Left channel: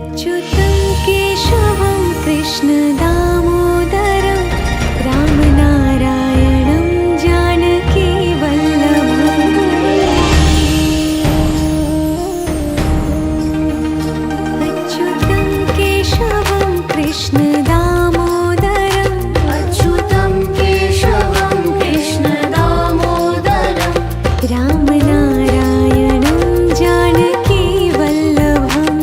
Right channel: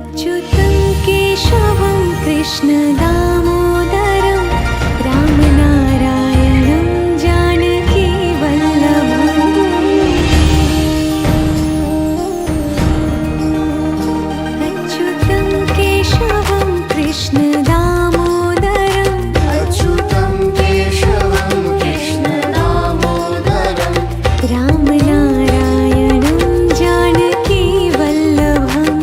अच्युतं केशवं कृष्ण दामोदरं रामनारायणं जानकी वल्लभम्। अच्युतं केशवं कृष्ण दामोदरं रामनारायणं जानकी वल्लभम्।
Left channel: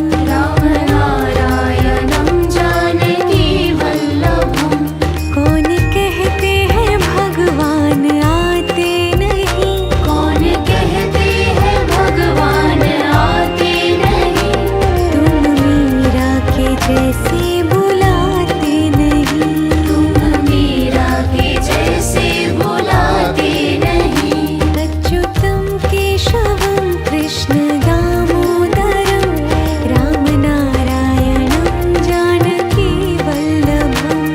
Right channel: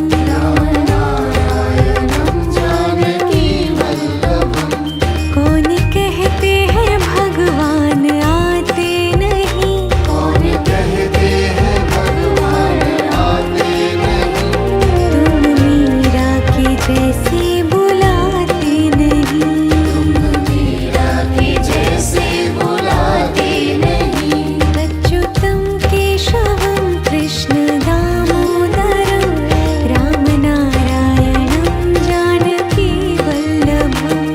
कौन कहते हैं भगवान आते नहीं, तुम मीरा के जैसे बुलाते नहीं। अच्युतं केशवं कृष्ण दामोदरं रामनारायणं जानकी वल्लभम्।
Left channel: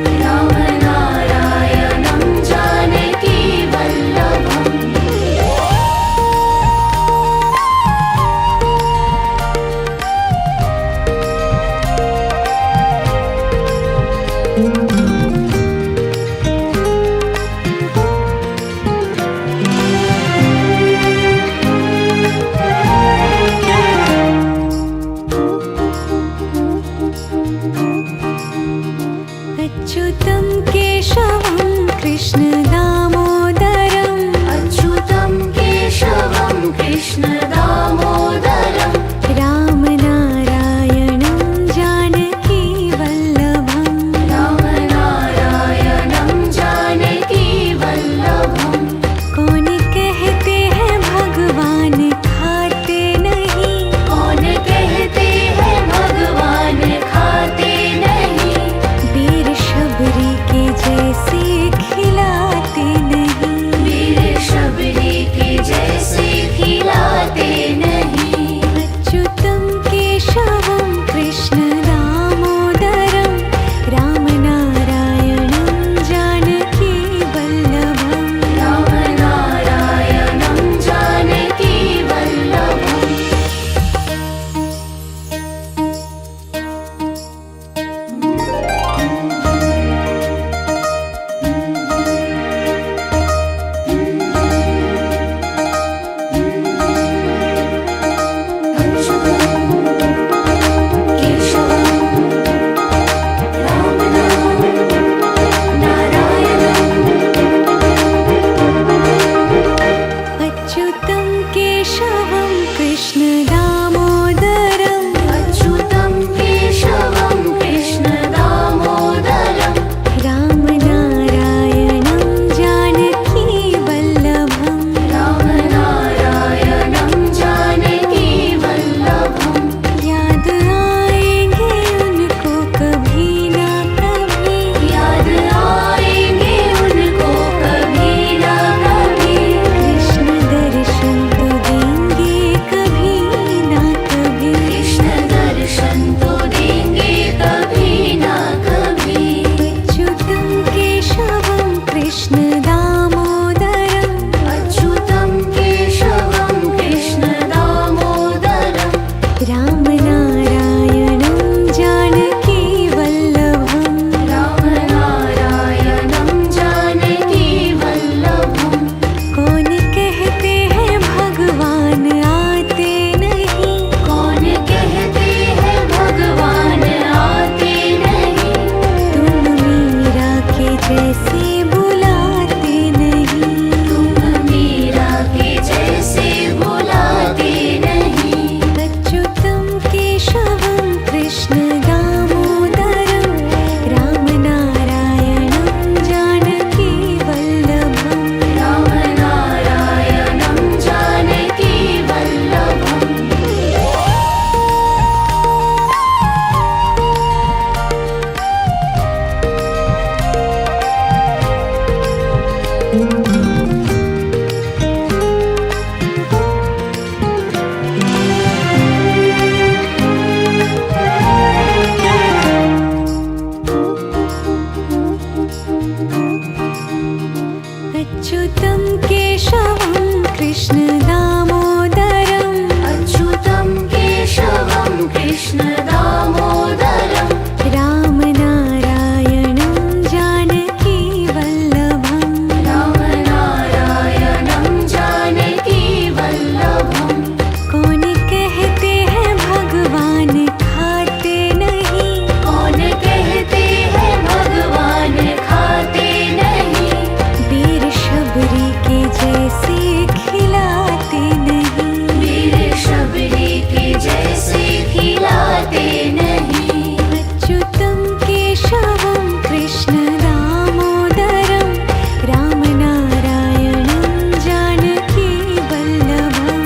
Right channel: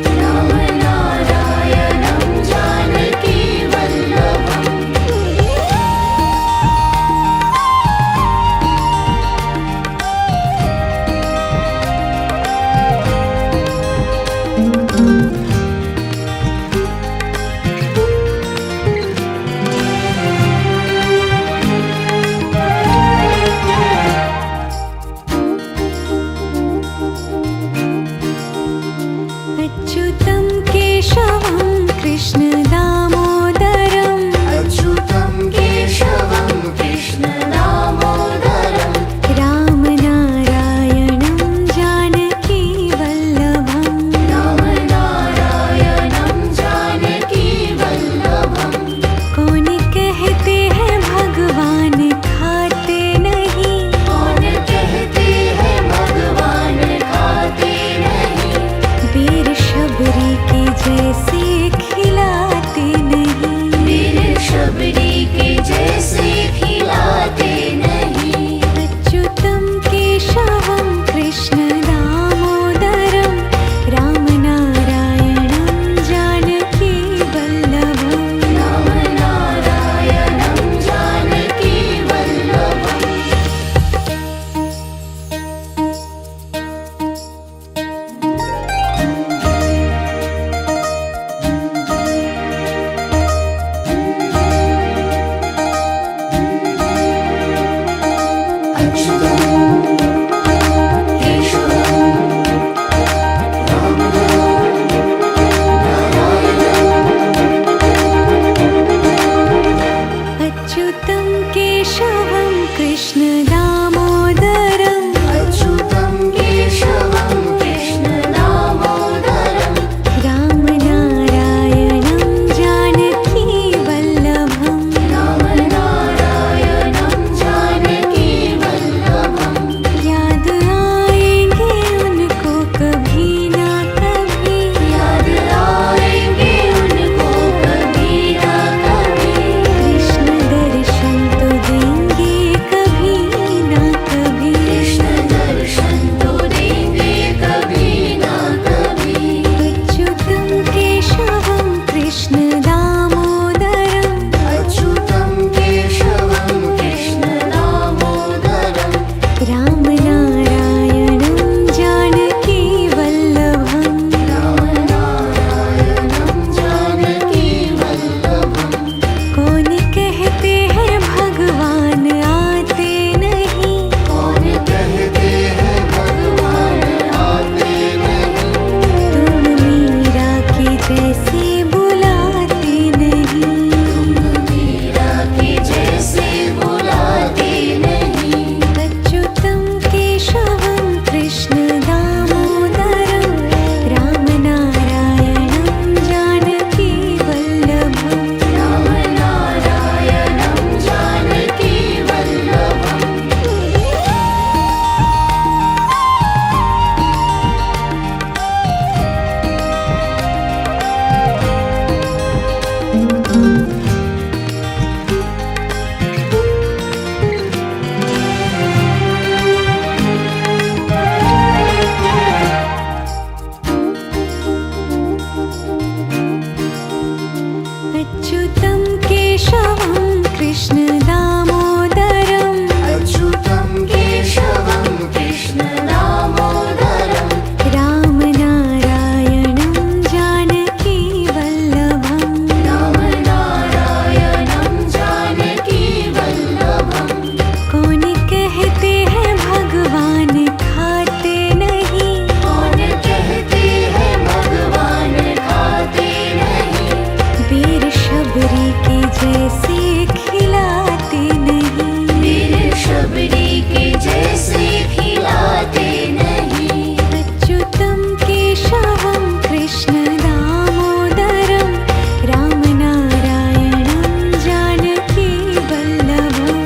अच्युतं केशवं कृष्ण दामोदरं रामनारायणं जानकी वल्लभम्। कौन कहते हैं भगवान खाते नहीं, वीर शबरी के जैसे खिलाते नहीं। अच्युतं केशवं कृष्ण दामोदरं रामनारायणं जानकी वल्लभम्। अच्युतं केशवं कृष्ण दामोदरं रामनारायणं जानकी वल्लभम्। याद आएंगे उनको कभी ना कभी, कृष्ण दर्शन तो देंगे कभी ना कभी। अच्युतं केशवं कृष्ण दामोदरं रामनारायणं जानकी वल्लभम्। कौन कहते हैं भगवान आते नहीं, तुम मीरा के जैसे बुलाते नहीं। अच्युतं केशवं कृष्ण दामोदरं रामनारायणं जानकी वल्लभम्। अच्युतं केशवं कृष्ण दामोदरं अच्युतं केशवं कृष्ण दामोदरं कृष्ण दामोदरं रामनारायणं जानकी वल्लभम्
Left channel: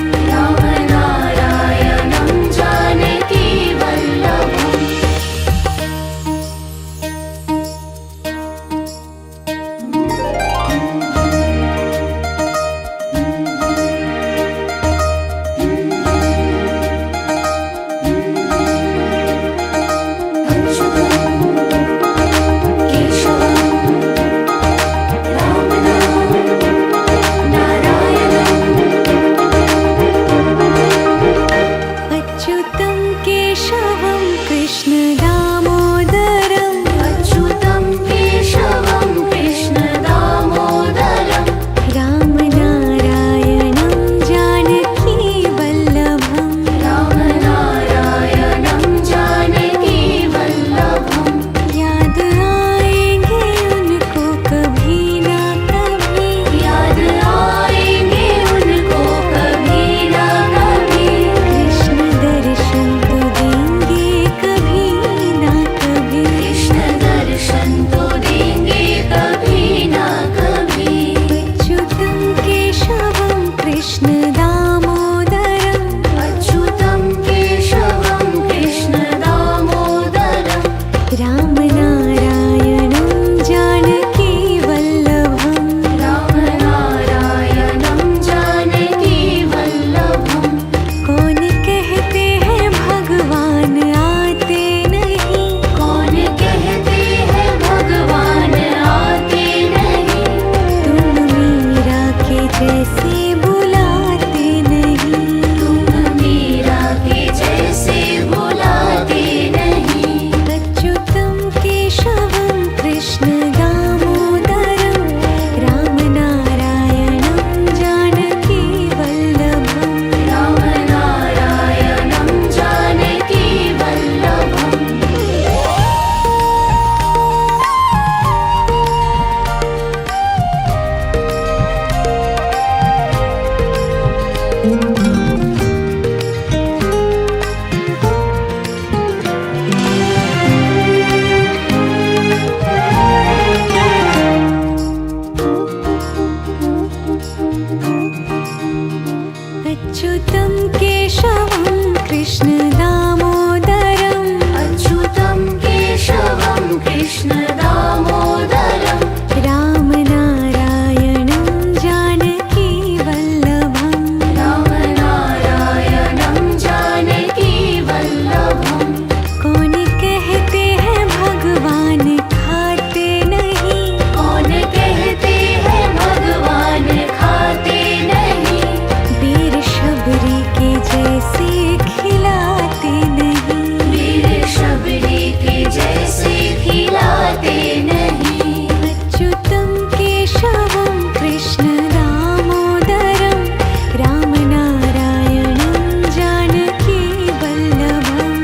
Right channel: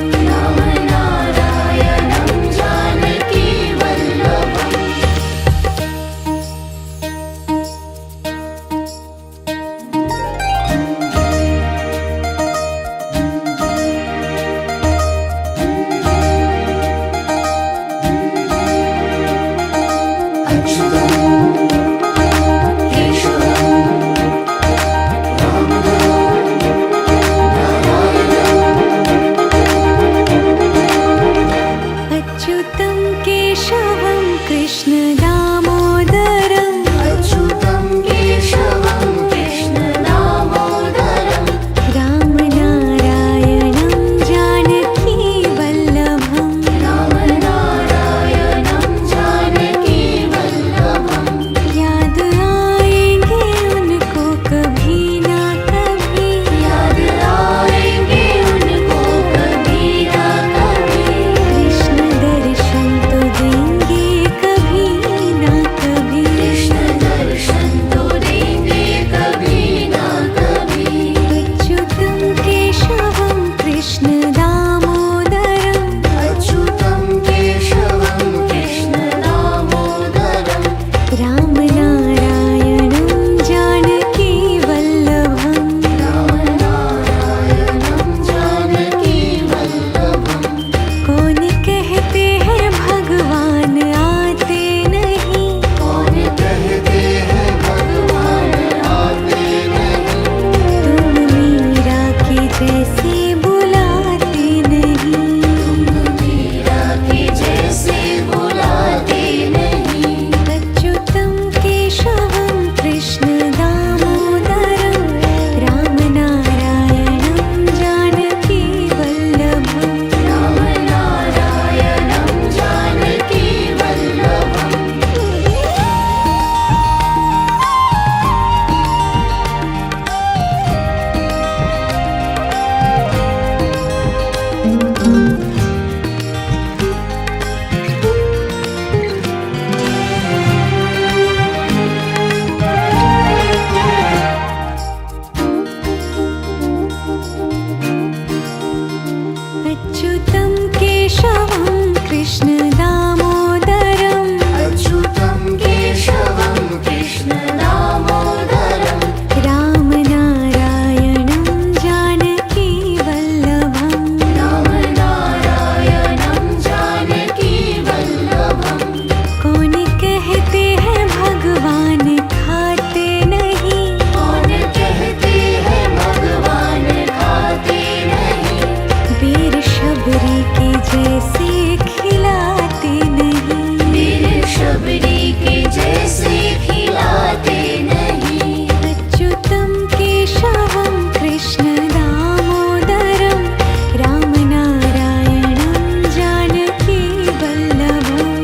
अच्युतं केशवं कृष्ण दामोदरं रामनारायणं जानकी वल्लभम् याद आएंगे उनको कभी ना कभी कृष्ण दर्शन तो देंगे कभी ना कभी अच्युतं केशवं कृष्ण दामोदरं रामनारायणं जानकी वल्लभम् कौन कहते हैं भगवान आते नहीं तुम मीरा के जैसे बुलाते नहीं अच्युतं केशवं कृष्ण दामोदरं रामनारायणं जानकी वल्लभम् अच्युतं केशवं कृष्ण दामोदरं रामनारायणं जानकी वल्लभम् कौन कहते हैं भगवान खाते नहीं बेर शबरी के जैसे खिलाते नहीं अच्युतं केशवं कृष्ण दामोदरं रामनारायणं जानकी वल्लभम्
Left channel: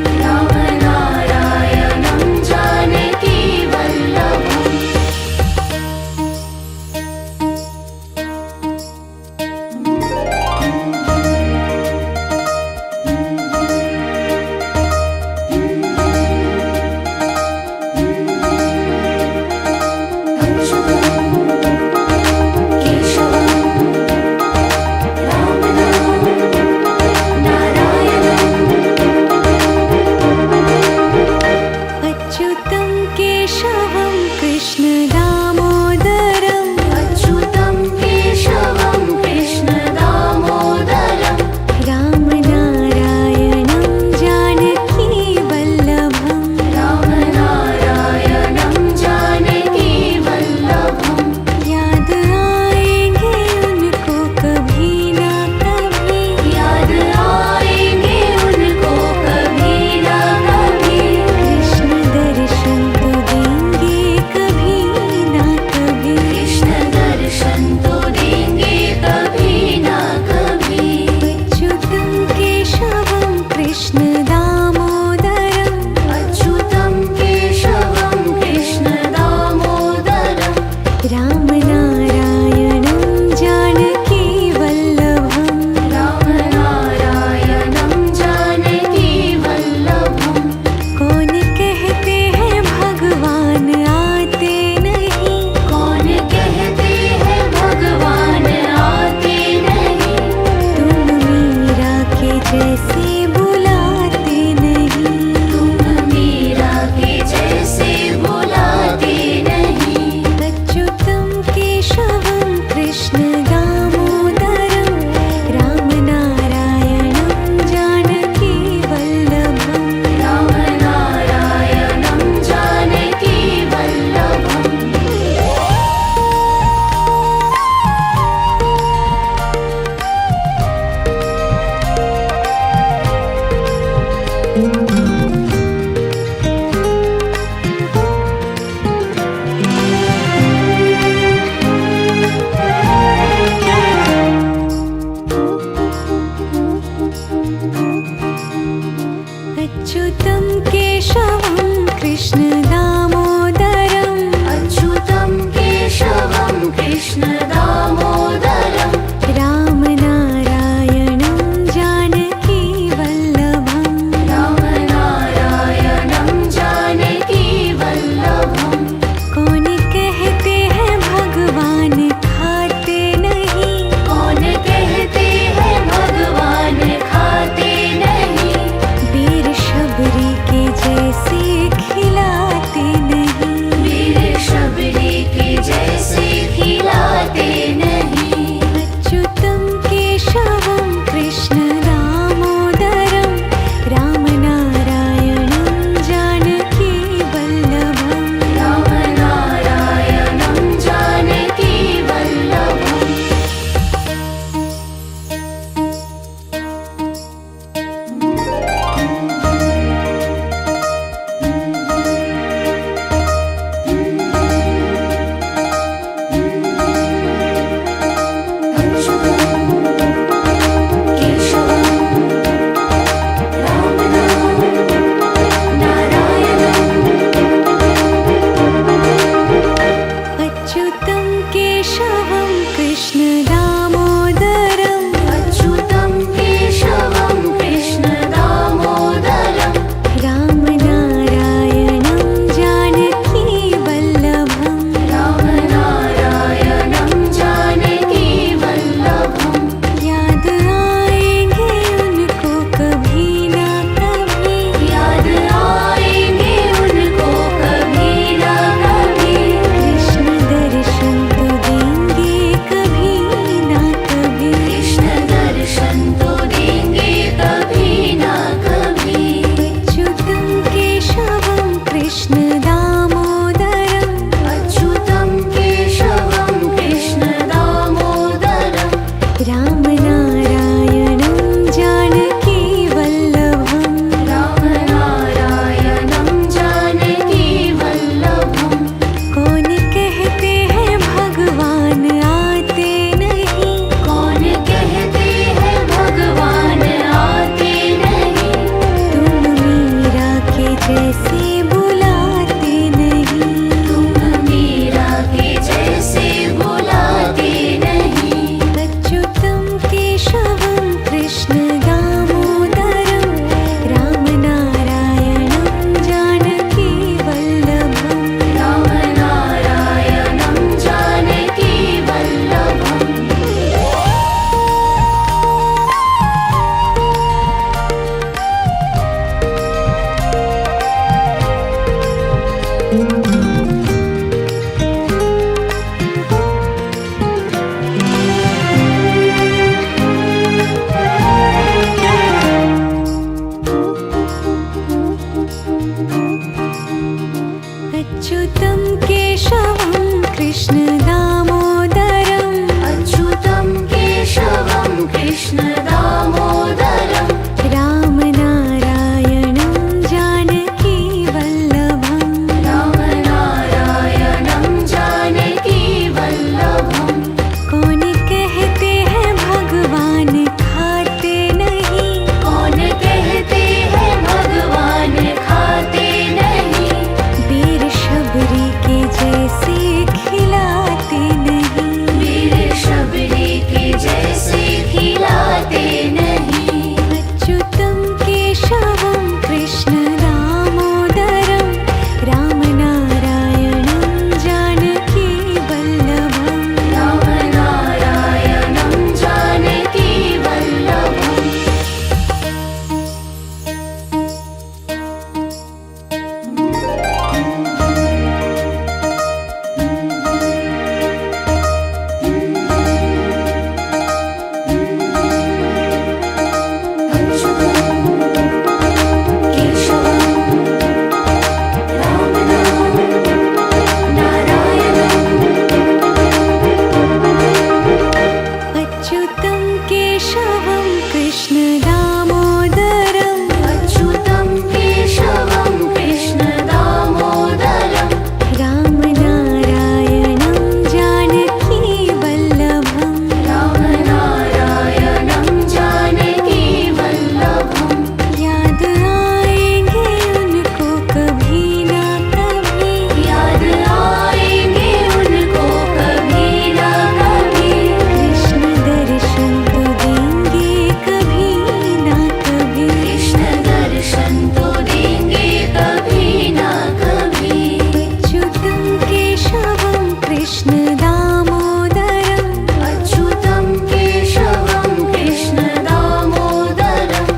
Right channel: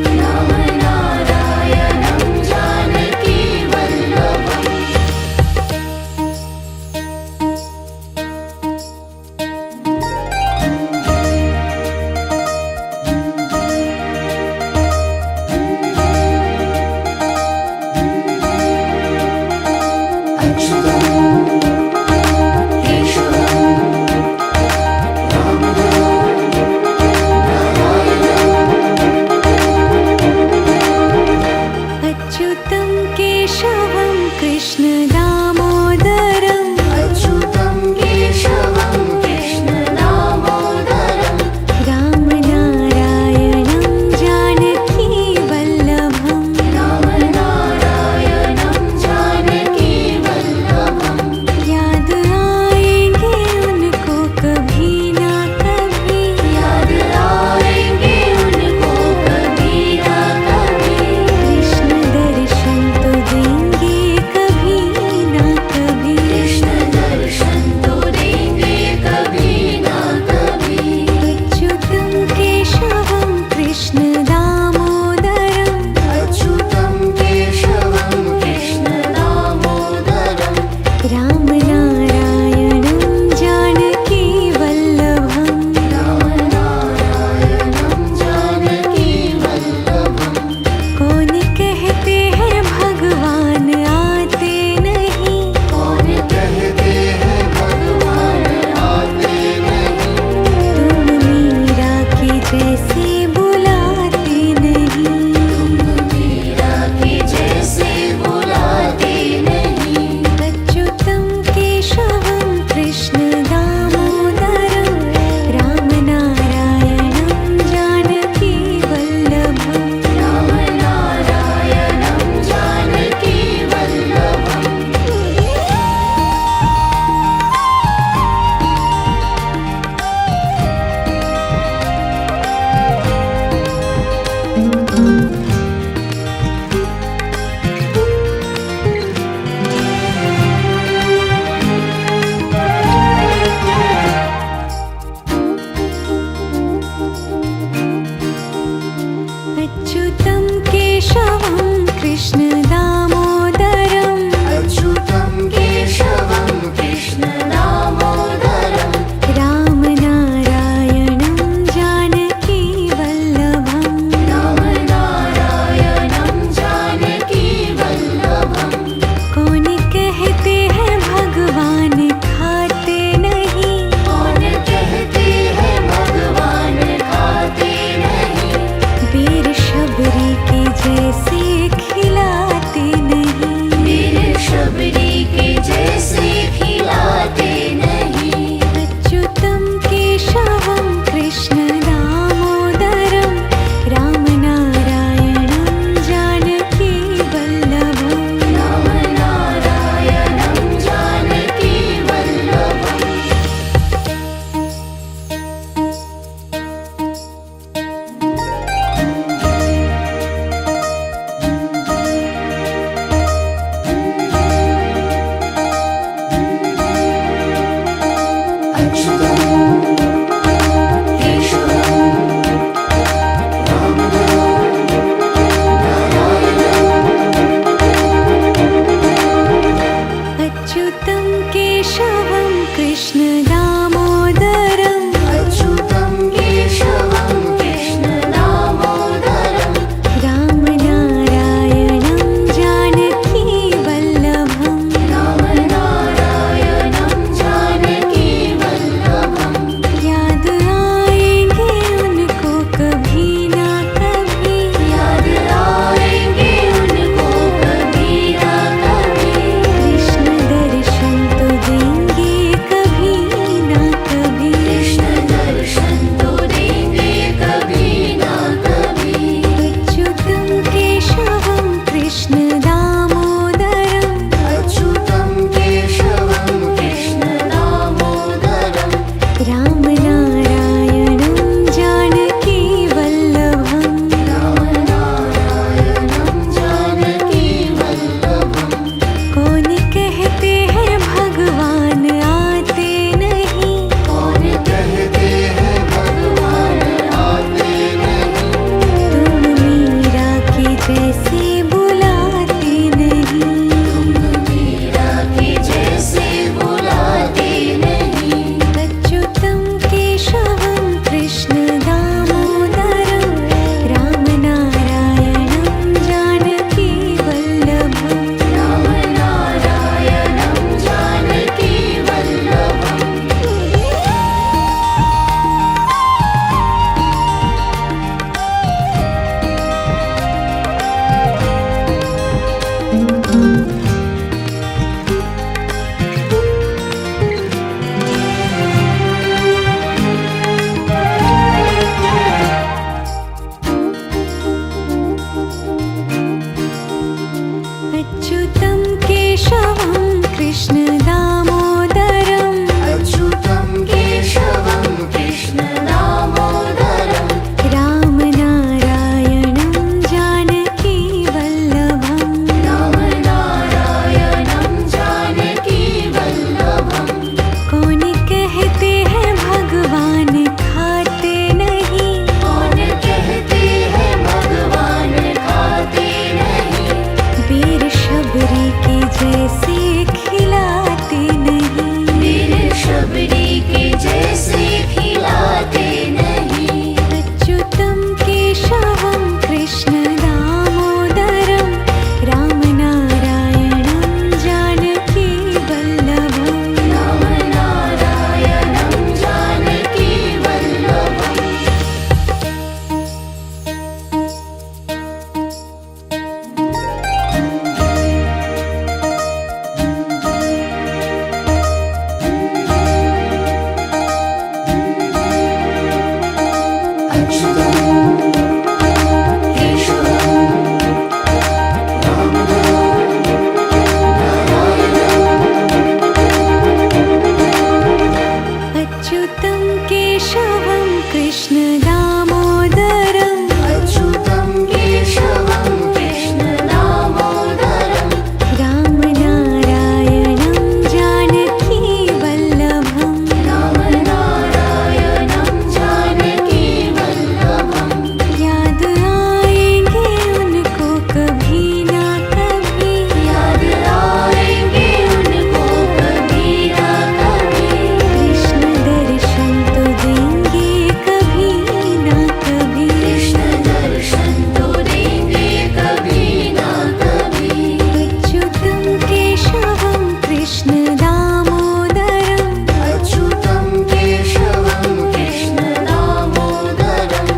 अच्युतं केशवं कृष्ण दामोदरं रामनारायणं जानकी वल्लभम् याद आएंगे उनको कभी ना कभी कृष्ण दर्शन तो देंगे कभी ना कभी अच्युतं केशवं कृष्ण दामोदरं रामनारायणं जानकी वल्लभम् कौन कहते हैं भगवान भगवान आते नहीं। कौन कहते हैं भगवान आते नहीं। तुम मीरा के जैसे बुलाते नहीं। तुम मीरा के जैसे बुलाते नहीं। अच्युतम केशवम कृष्ण दामोदरम राम नारायणं जानकी वल्लभम्। राम नारायणं जानकी वल्लभम्। अच्युतं केशवं कृष्ण दामोदरम् अच्युतं केशवं कृष्ण दामोदरम्। राम नारायणं जानकी वल्लभम्। राम नारायणं जानकी वल्लभम्। कौन कहते हैं भगवान खाते नहीं। कौन कहते हैं भगवान खाते नहीं। वीर शबरी के जैसे खिलाते नहीं। वीर शबरी के जैसे खिलाते नहीं। अच्युतं केशवं कृष्ण दामोदरं राम नारायणं जानकी वल्लभम्। राम नारायणं जानकी वल्लभम्। अच्युतं केशवं कृष्ण दामोदरम् अच्युतं केशवं कृष्ण दामोदरम्। राम नारायणं जानकी वल्लभम्। राम नारायणं जानकी वल्लभम्। याद आएंगे उनको कभी ना कभी। याद आएंगे उनको कभी ना कभी। कृष्ण दर्शन तो देंगे कभी ना कभी। कृष्ण दर्शन तो देंगे कभी ना कभी। अच्युतं केशवं कृष्ण दामोदरम् अच्युतं केशवं कृष्ण दामोदरम्। राम नारायणं जानकी वल्लभम्। राम नारायणं जानकी वल्लभम्। कौन कहते हैं भगवान आते नहीं। कौन कहते हैं भगवान आते नहीं। तुम मीरा के जैसे बुलाते नहीं। तुम मीरा के जैसे बुलाते नहीं। अच्युतं केशवं कृष्ण दामोदरं राम नारायणं जानकी वल्लभम्। राम नारायणं जानकी वल्लभम्। अच्युतं केशवं कृष्ण दामोदरम् अच्युतं केशवं कृष्ण दामोदरम्। राम नारायणं जानकी वल्लभम्। राम नारायणं जानकी वल्लभम्। कौन कहते हैं भगवान खाते नहीं। कौन कहते हैं भगवान खाते नहीं। वीर शबरी के जैसे खिलाते नहीं। वीर शबरी के जैसे खिलाते नहीं। अच्युतं केशवं कृष्ण दामोदरं राम नारायणं कृष्ण दामोदरम् अच्युतं केशवं कृष्ण दामोदरम्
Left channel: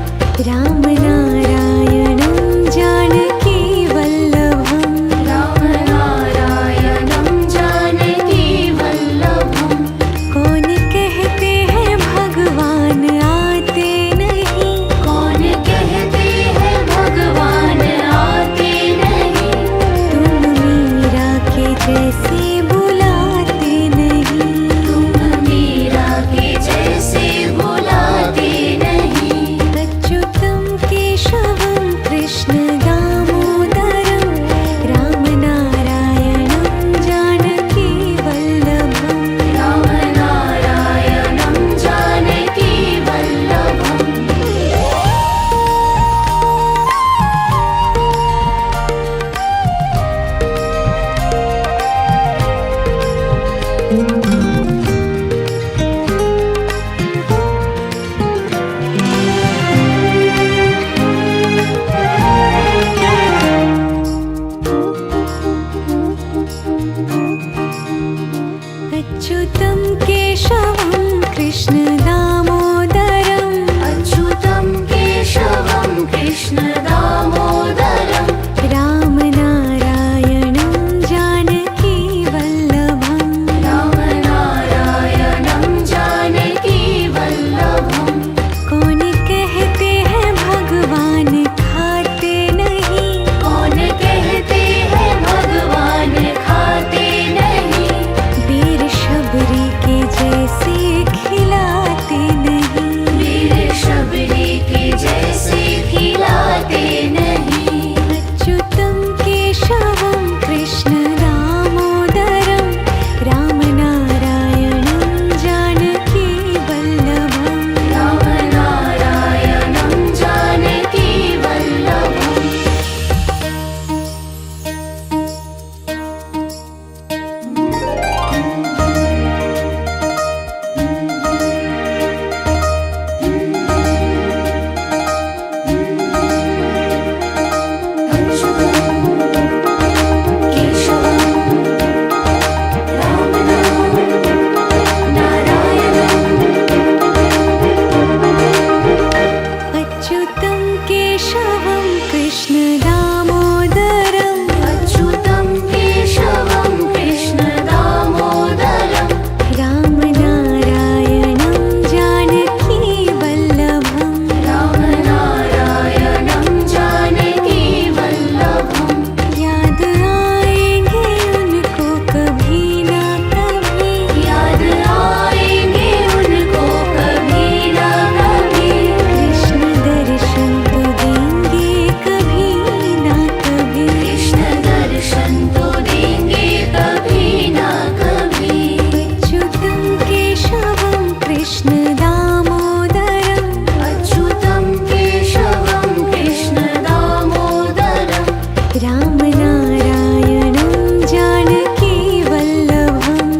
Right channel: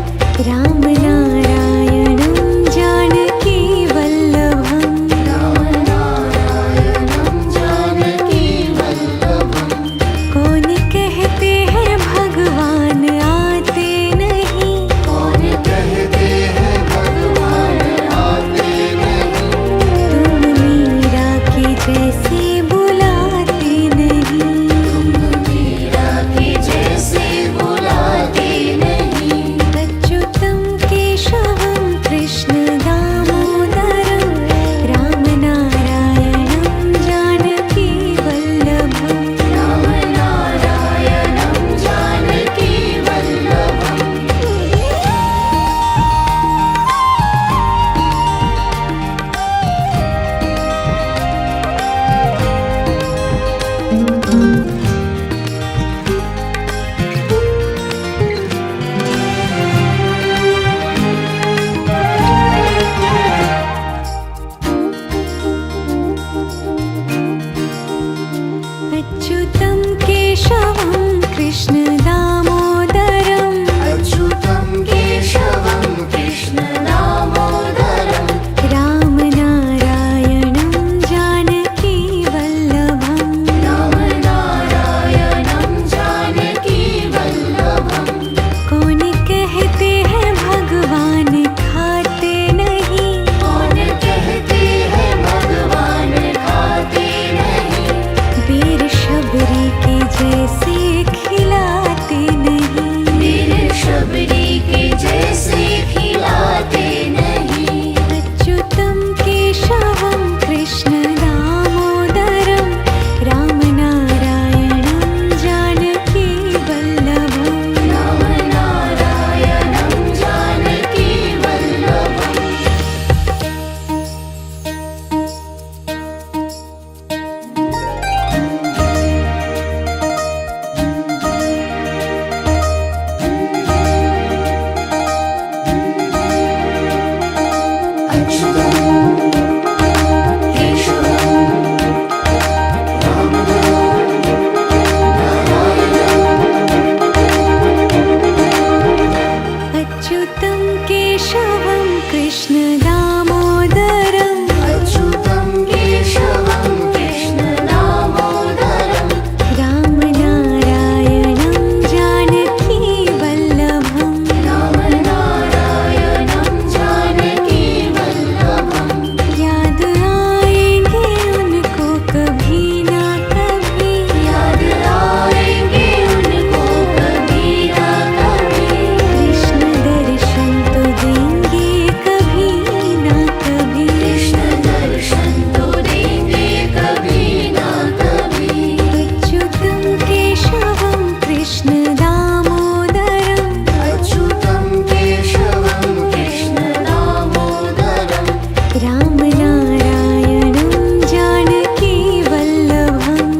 रामनारायणं जानकी वल्लभम् रामनारायणं जानकी वल्लभम् कौन कहते हैं भगवान आते नहीं कौन कहते हैं भगवान आते नहीं तुम मीरा के जैसे बुलाते नहीं मीरा के जैसे बुलाते नहीं अच्युतं केशवं कृष्ण दामोदरं रामनारायणं जानकी वल्लभम् रामनारायणं जानकी वल्लभम् अच्युतं केशवं कृष्ण दामोदरम् अच्युतं केशवं कृष्ण दामोदरम् रामनारायणं जानकी वल्लभम् रामनारायणं जानकी वल्लभम् कौन कहते हैं भगवान खाते नहीं कौन कहते हैं भगवान खाते नहीं वीर शबरी के जैसे खिलाते नहीं वीर शबरी के जैसे खिलाते नहीं अच्युतं केशवं कृष्ण दामोदरं रामनारायणं जानकी वल्लभम् रामनारायणं जानकी वल्लभम् अच्युतं केशवं कृष्ण दामोदरम् अच्युतं केशवं कृष्ण दामोदरम् रामनारायणं जानकी वल्लभम् रामनारायणं जानकी वल्लभम् याद आएंगे उनको कभी ना कभी याद आएंगे उनको कभी ना कभी कृष्ण दर्शन तो देंगे कभी ना कभी कृष्ण दर्शन तो देंगे कभी ना कभी अच्युतं केशवं कृष्ण दामोदरम् अच्युतं केशवं कृष्ण दामोदरम् रामनारायणं जानकी वल्लभम्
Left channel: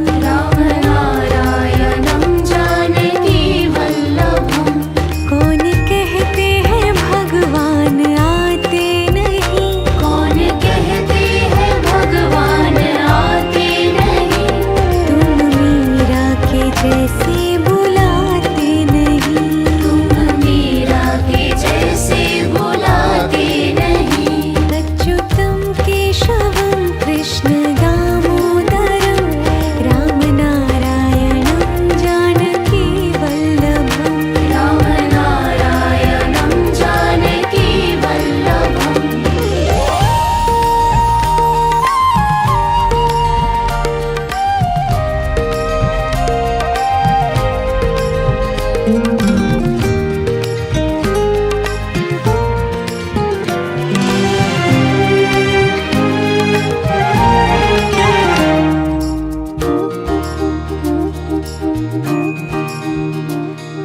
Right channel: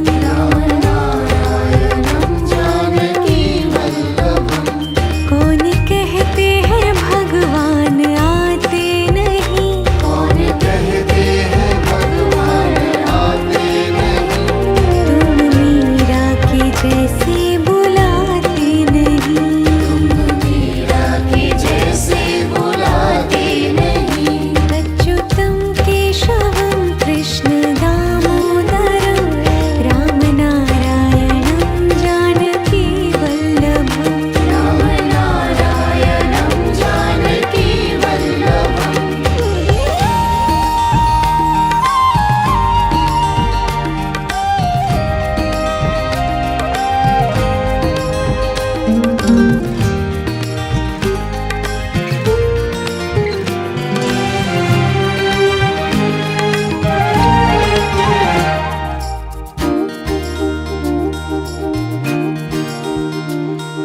रामनारायणं जानकी वल्लभम् कौन कहते हैं भगवान आते नहीं कौन कहते हैं भगवान आते नहीं तुम मीरा के जैसे बुलाते नहीं मीरा के जैसे बुलाते नहीं अच्युतं केशवं कृष्ण दामोदरं रामनारायणं जानकी वल्लभम् रामनारायणं जानकी वल्लभम्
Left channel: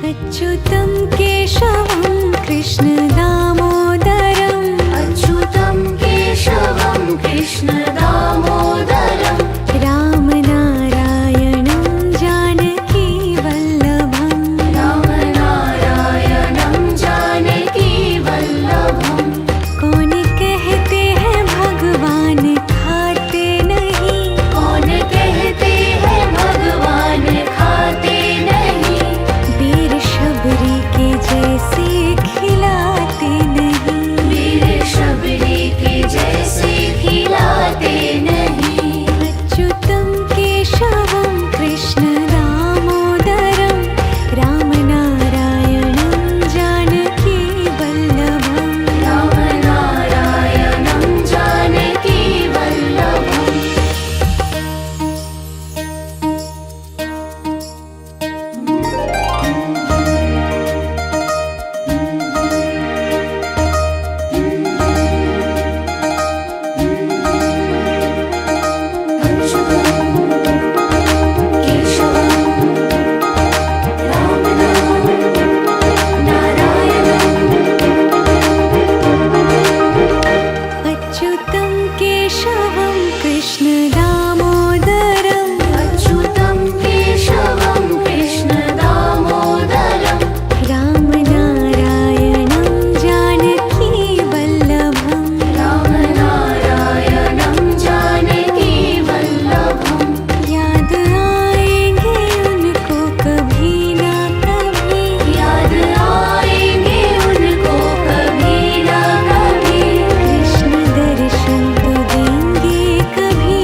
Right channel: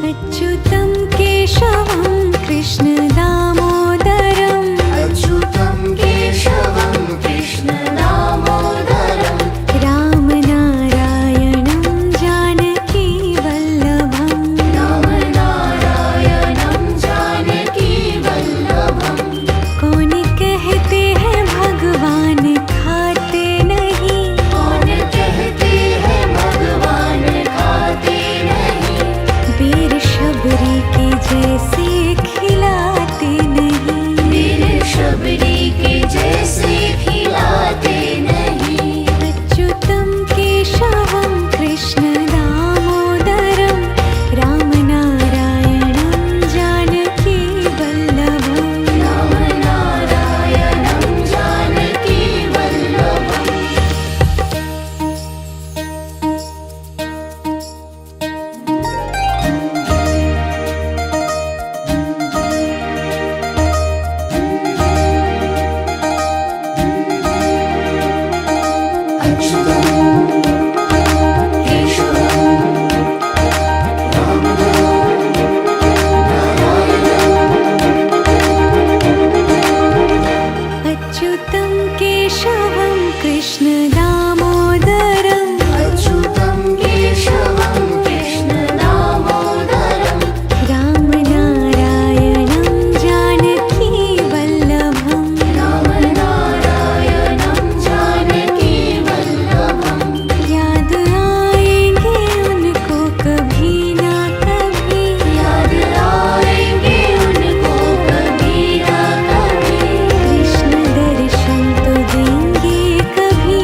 अच्युतं केशवं कृष्ण दामोदरम् अच्युतं केशवं कृष्ण दामोदरम् रामनारायणं जानकी वल्लभम् रामनारायणं जानकी वल्लभम् कौन कहते हैं भगवान खाते नहीं कौन कहते केशवं कृष्णदामोदरं रामनारायणं जानकीवल्लभम् रामनारायणं जानकीवल्लभम् अच्युतं केशवं कृष्णदामोदरं अच्युतं केशवं कृष्णदामोदरं रामनारायणं जानकीवल्लभम् रामनारायणं जानकीवल्लभम् याद आएंगे उनको कभी ना कभी याद आएंगे उनको कभी ना कभी कृष्ण दर्शन तो देंगे कभी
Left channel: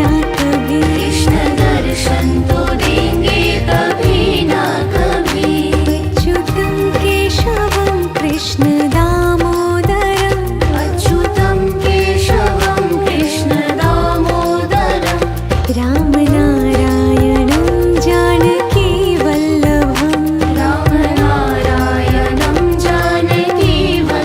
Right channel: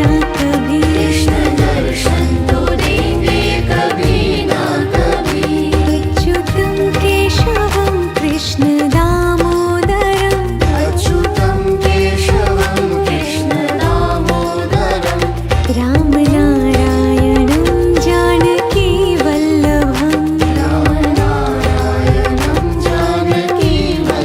ना कभी कृष्ण दर्शन तो देंगे कभी ना कभी अच्युतं केशवं कृष्णदामोदरं अच्युतं केशवं कृष्णदामोदरं रामनारायणं जानकीवल्लभम् रामनारायणं जानकीवल्लभम्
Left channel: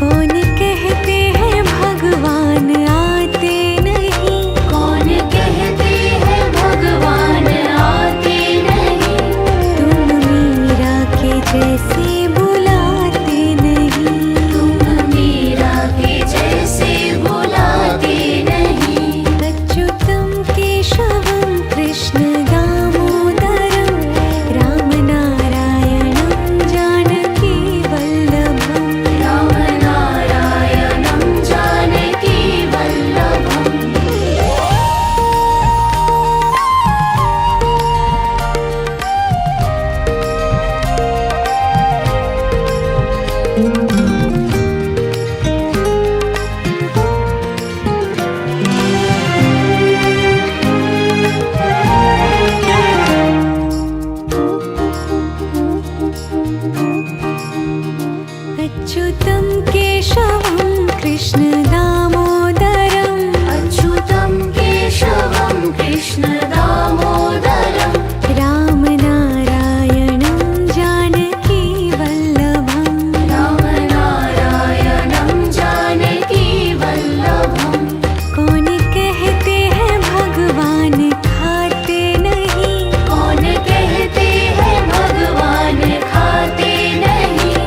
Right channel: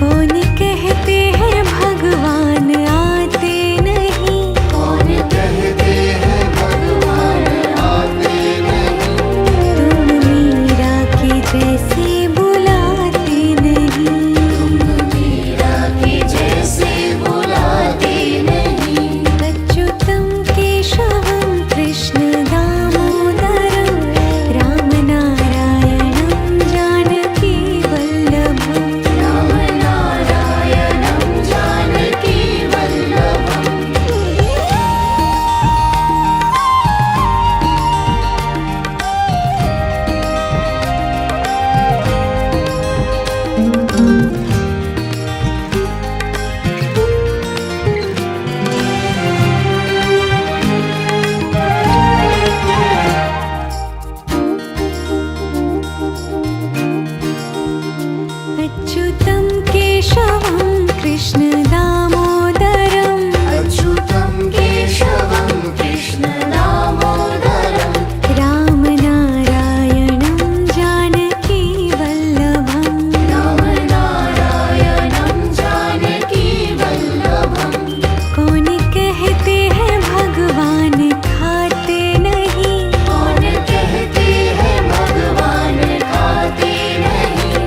कौन कहते हैं भगवान आते नहीं कौन कहते हैं भगवान आते नहीं तुम मीरा के जैसे बुलाते नहीं मीरा के जैसे बुलाते नहीं अच्युतं केशवं कृष्णदामोदरं रामनारायणं जानकीवल्लभम् रामनारायणं जानकीवल्लभम् अच्युतं केशवं कृष्णदामोदरं अच्युतं केशवं कृष्णदामोदरं रामनारायणं जानकीवल्लभम् रामनारायणं जानकीवल्लभम् कौन कहते हैं भगवान खाते नहीं कौन कहते हैं भगवान खाते नहीं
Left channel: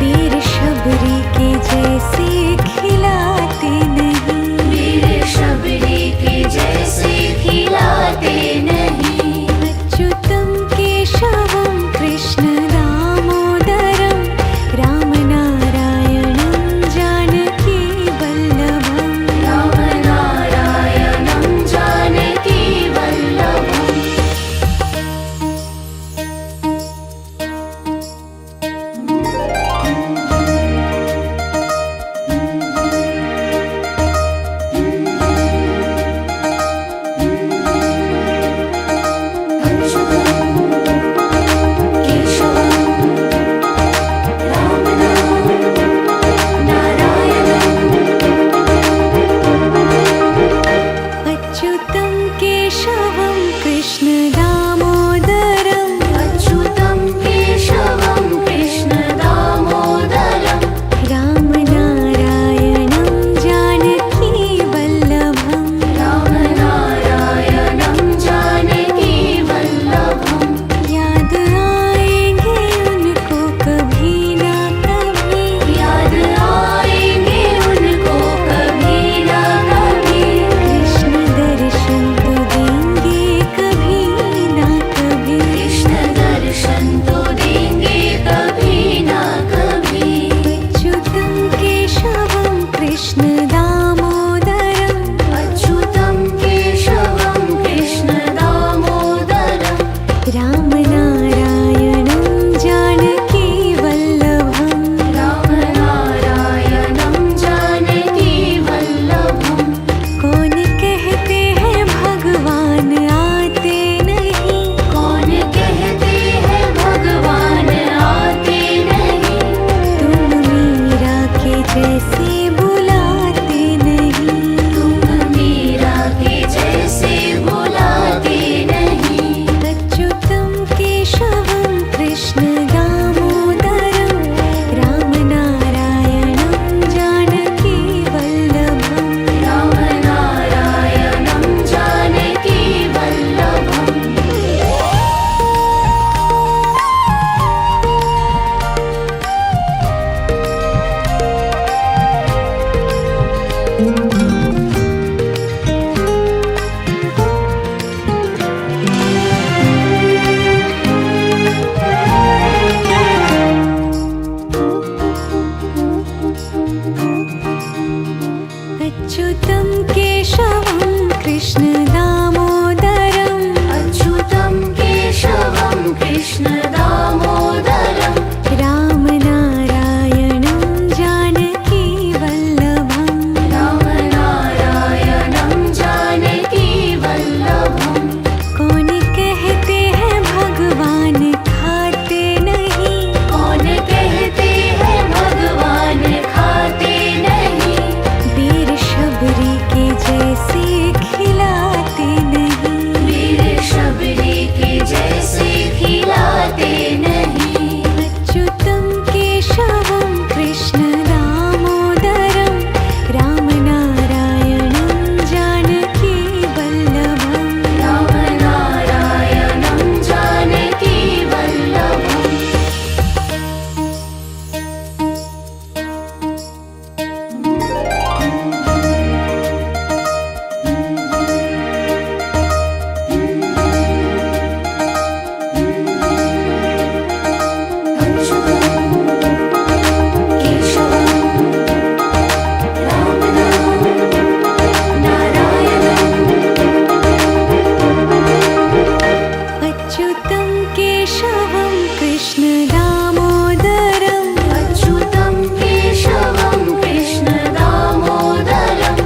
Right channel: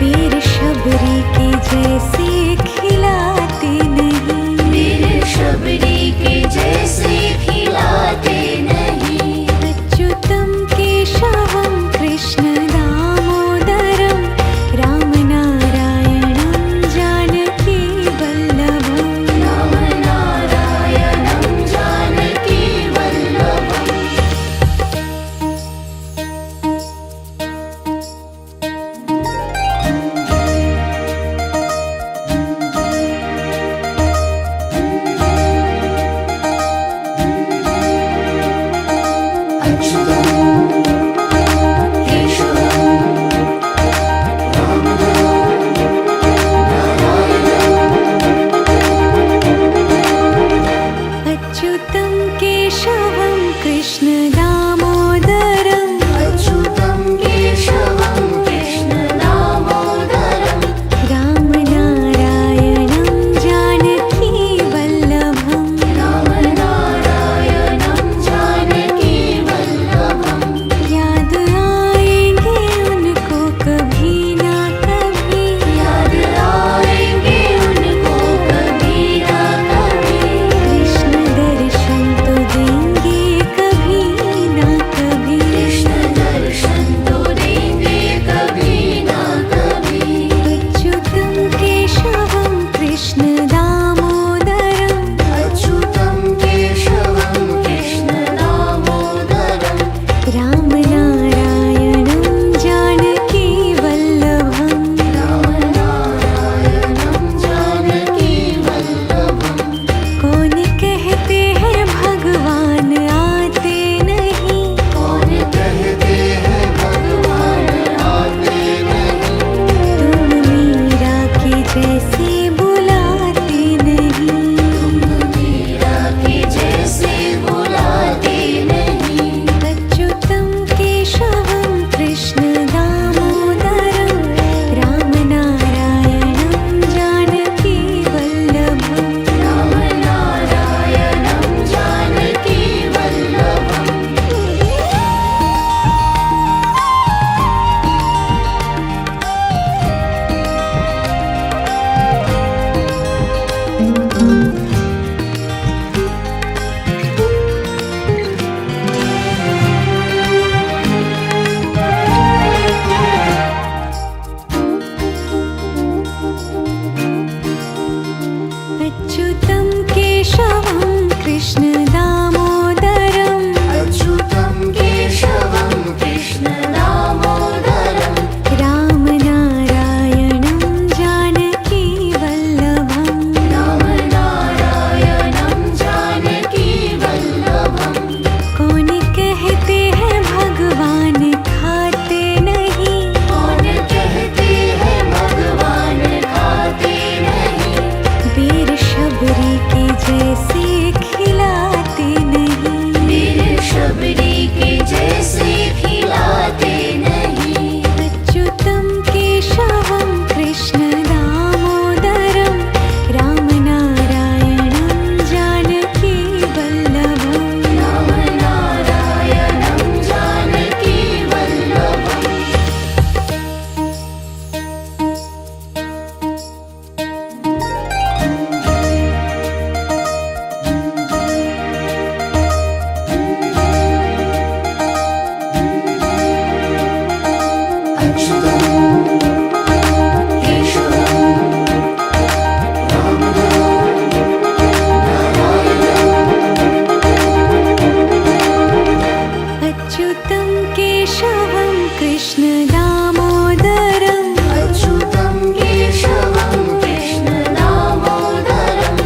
वीर शबरी के जैसे खिलाते नहीं मेरे शबरी के जैसे खिलाते नहीं अच्युतं केशवं कृष्णदामोदरं रामनारायणं जानकीवल्लभम् रामनारायणं जानकीवल्लभम् केशवं अच्युतं केशवं कृष्ण दामोदरम् अच्युतं केशवं कृष्ण दामोदरं रामनारायणं जानकी वल्लभम् रामनारायणं जानकी वल्लभं कौन कहते हैं भगवान खाते नहीं, कौन कहते हैं भगवान खाते नहीं वीर शबरी के जैसे खिलाते नहीं। वीर शबरी के जैसे खिलाते नहीं अच्युतं केशवं कृष्ण दामोदरं रामनारायणं जानकी वल्लभम् रामनारायणं जानकी वल्लभम् अच्युतं केशवं कृष्ण दामोदरं अच्युतं केशवं कृष्ण दामोदरं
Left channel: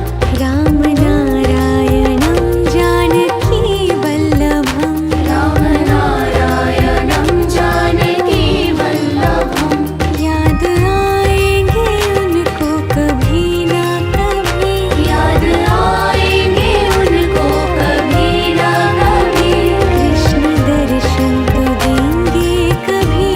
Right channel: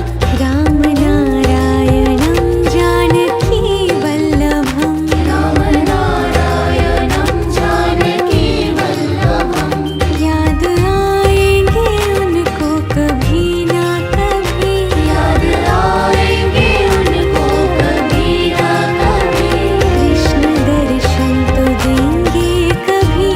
रामनारायणं जानकी वल्लभम् रामनारायणं जानकी वल्लभं याद आएंगे उनको कभी ना कभी, याद आएंगे उनको कभी ना कभी कृष्ण दर्शन तो देंगे कभी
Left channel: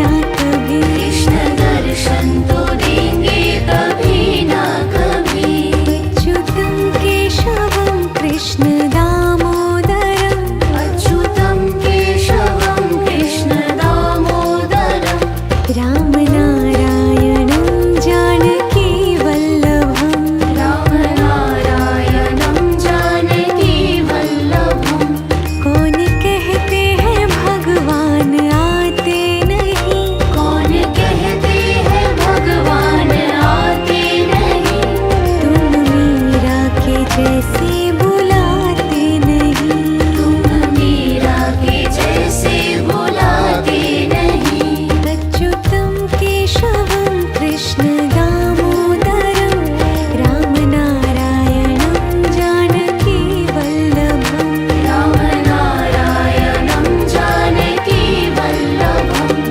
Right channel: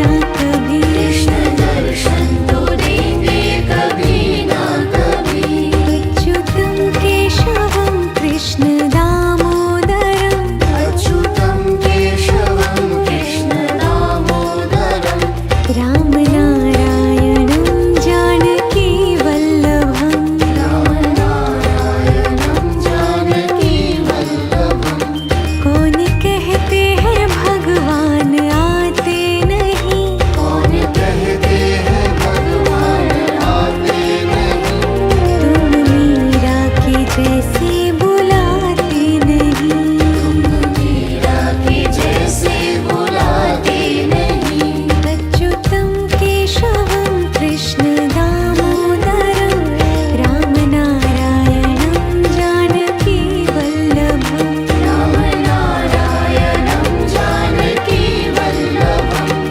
ना कभी। कृष्ण दर्शन तो देंगे कभी ना कभी अच्युतं केशवं कृष्ण दामोदरम् अच्युतं केशवं कृष्ण दामोदरं रामनारायणं जानकी वल्लभम् रामनारायणं जानकी वल्लभं कौन कहते हैं भगवान आते नहीं, कौन कहते हैं भगवान आते नहीं तुम मीरा के जैसे बुलाते नहीं। मीरा के जैसे बुलाते नहीं अच्युतं केशवं कृष्ण दामोदरं रामनारायणं जानकी वल्लभम् रामनारायणं जानकी वल्लभम्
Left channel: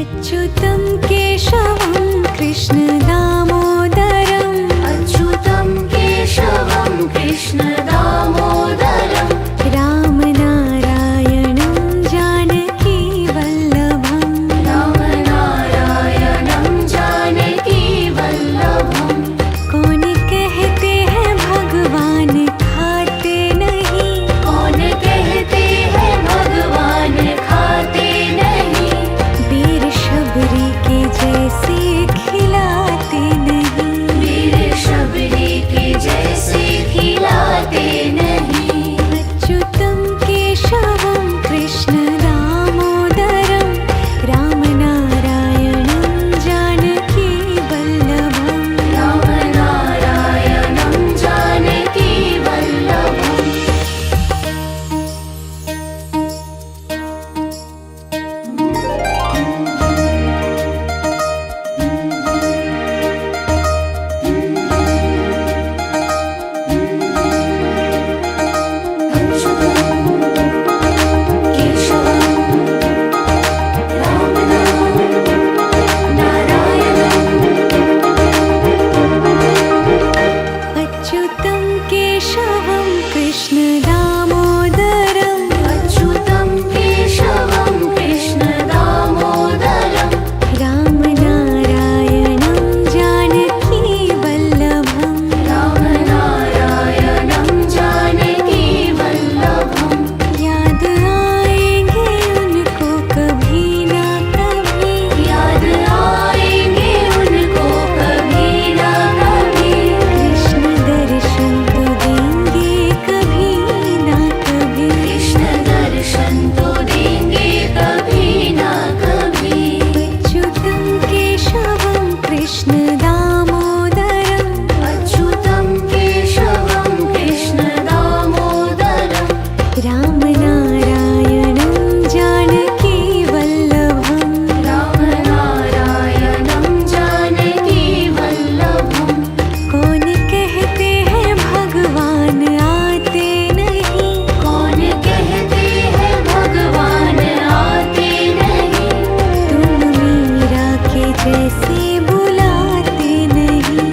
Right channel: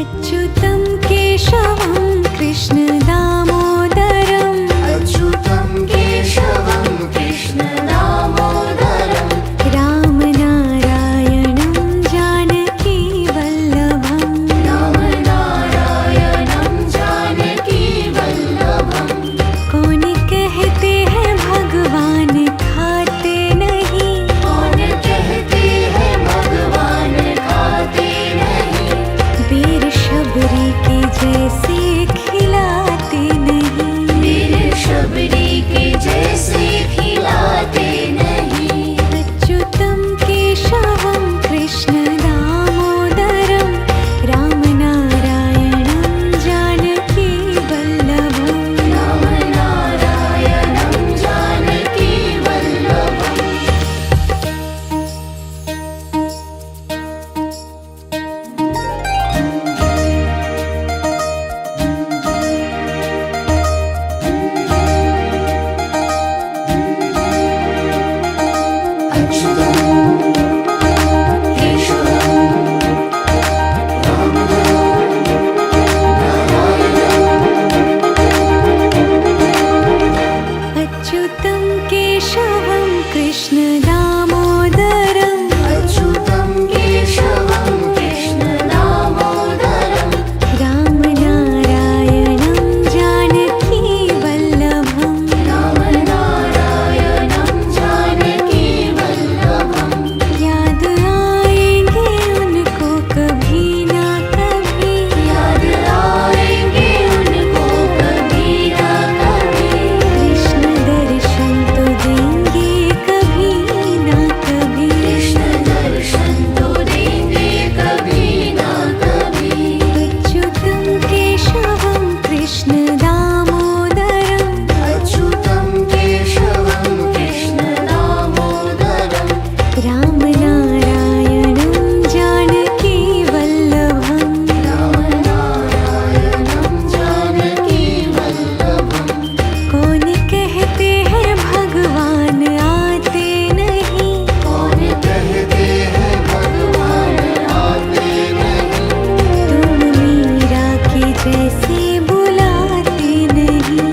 अच्युतं केशवं कृष्ण दामोदरम् अच्युतं केशवं कृष्ण दामोदरं रामनारायणं जानकी वल्लभम् रामनारायणं जानकी वल्लभं कौन कहते हैं भगवान खाते नहीं, कौन कहते हैं भगवान खाते नहीं वीर शबरी के जैसे खिलाते नहीं। वीर शबरी के जैसे खिलाते नहीं अच्युतं केशवं कृष्ण दामोदरं रामनारायणं जानकी वल्लभम् रामनारायणं जानकी वल्लभम् केशवं जैसे बुलाते नहीं।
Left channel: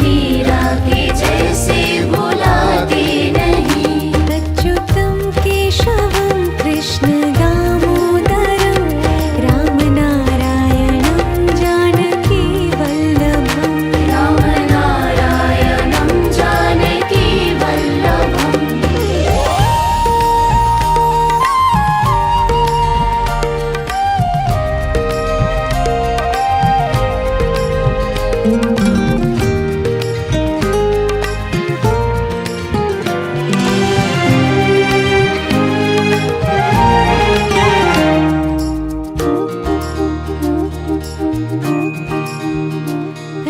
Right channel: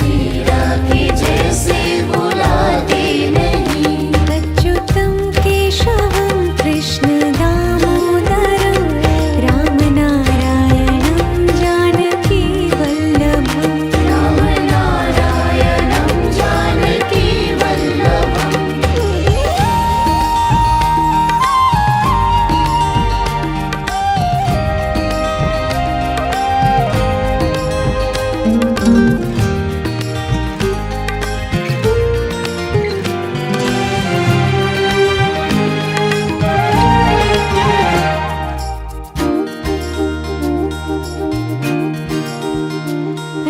मीरा के जैसे बुलाते नहीं। अच्युतं केशवं कृष्ण दामोदरं रामनारायणं जानकी वल्लभम्। रामनारायणं जानकी वल्लभम्।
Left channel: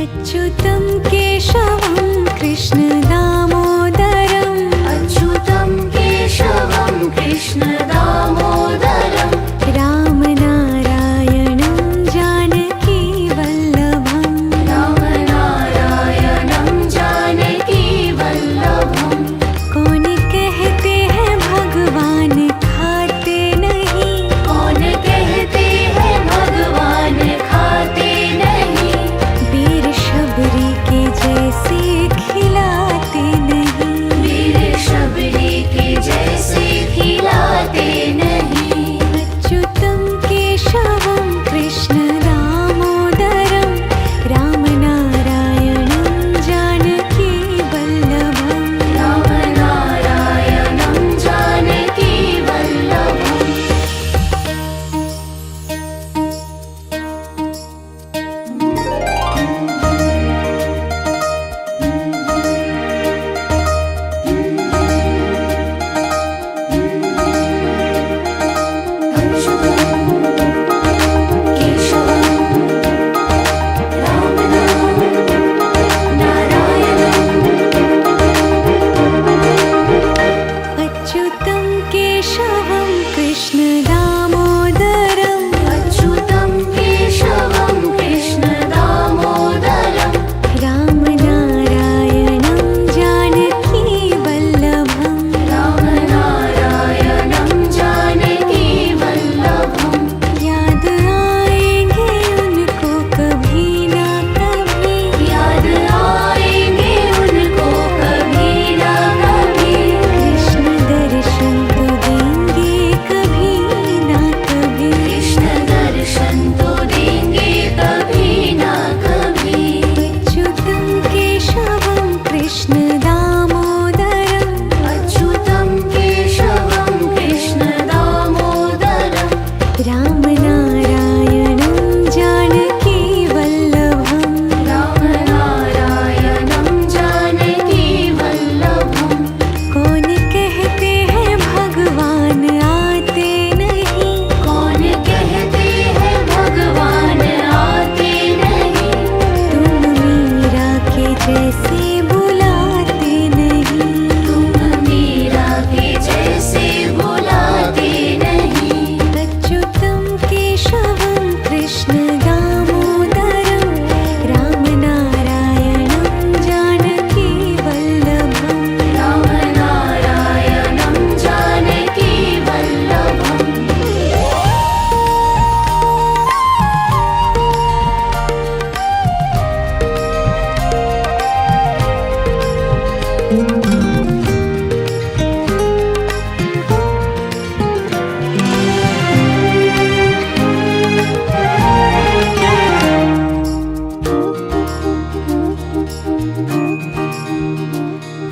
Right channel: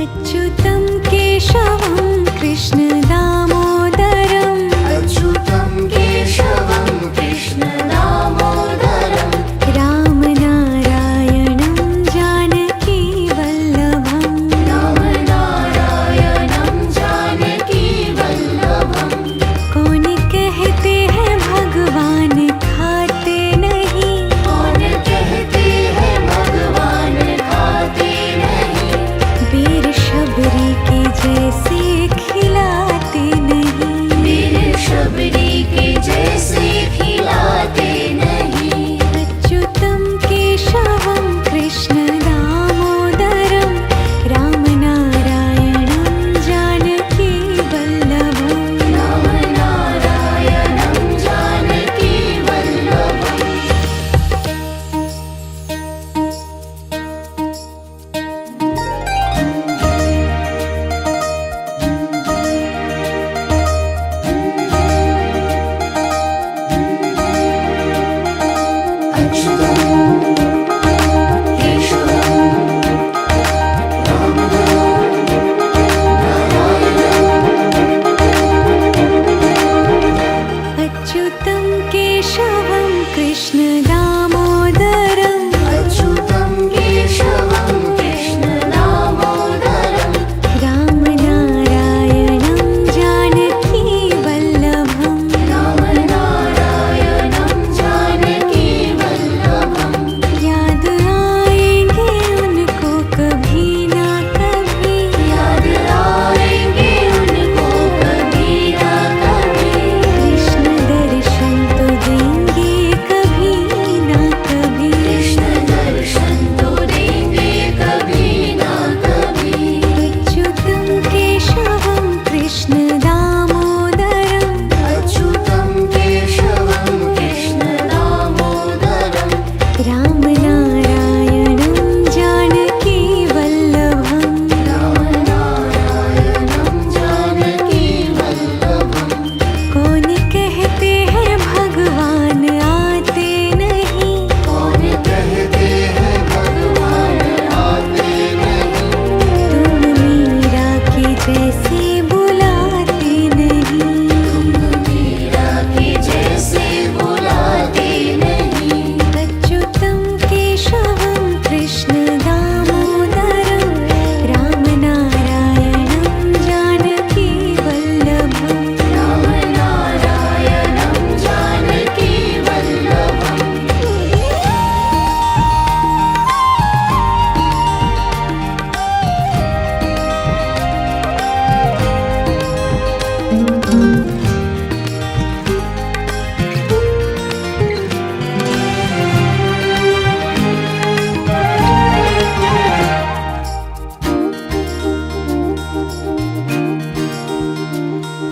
अच्युतं केशवं कृष्ण दामोदरं अच्युतं केशवं कृष्ण दामोदरं। रामनारायणं जानकी वल्लभम्। रामनारायणं जानकी वल्लभम्। कौन कहते हैं भगवान खाते नहीं। कौन कहते हैं भगवान खाते नहीं। वीर शबरी के जैसे खिलाते नहीं। वीर शबरी के जैसे खिलाते नहीं। अच्युतं केशवं कृष्ण दामोदरं रामनारायणं जानकी वल्लभम्। रामनारायणं जानकी वल्लभम्। अच्युतं केशवं कृष्ण दामोदरं अच्युतं केशवं कृष्ण दामोदरं। रामनारायणं जानकी वल्लभम्। रामनारायणं जानकी वल्लभम्। याद आएंगे उनको कभी ना कभी। याद आएंगे उनको कभी ना कभी। कृष्ण दर्शन तो देंगे कभी ना कभी। कृष्ण दर्शन तो देंगे कभी ना कभी। अच्युतं केशवं कृष्ण दामोदरं अच्युतं केशवं कृष्ण दामोदरं। रामनारायणं जानकी वल्लभम्। रामनारायणं जानकी वल्लभम्। कौन कहते हैं भगवान आते नहीं। कौन कहते हैं भगवान आते नहीं। तुम मीरा के जैसे बुलाते नहीं। मीरा के जैसे बुलाते नहीं। अच्युतं केशवं कृष्ण दामोदरं रामनारायणं जानकी वल्लभम्। रामनारायणं जानकी वल्लभम्।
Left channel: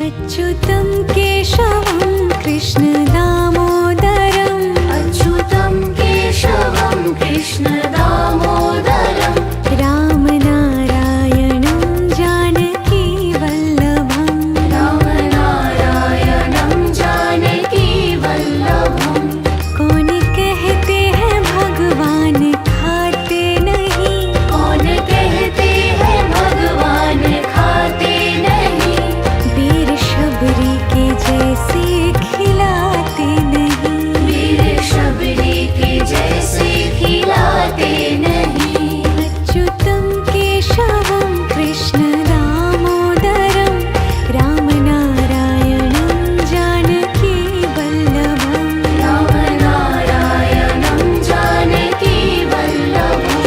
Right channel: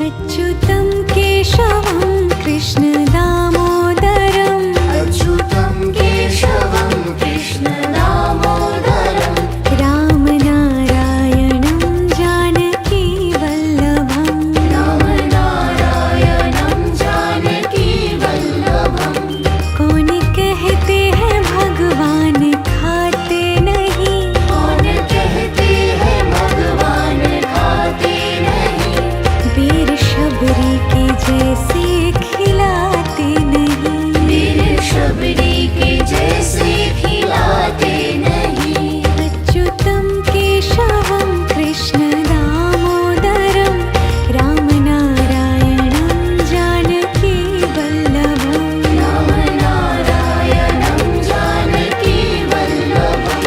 अच्युतं केशवं कृष्ण दामोदरं अच्युतं केशवं कृष्ण दामोदरं। रामनारायणं जानकी वल्लभम्। रामनारायणं जानकी वल्लभम्। कौन कहते हैं भगवान खाते नहीं। कौन कहते हैं भगवान खाते नहीं। वीर शबरी के जैसे खिलाते नहीं। वीर शबरी के जैसे खिलाते नहीं। अच्युतं केशवं कृष्ण दामोदरं रामनारायणं जानकी वल्लभम्। रामनारायणं जानकी वल्लभम्।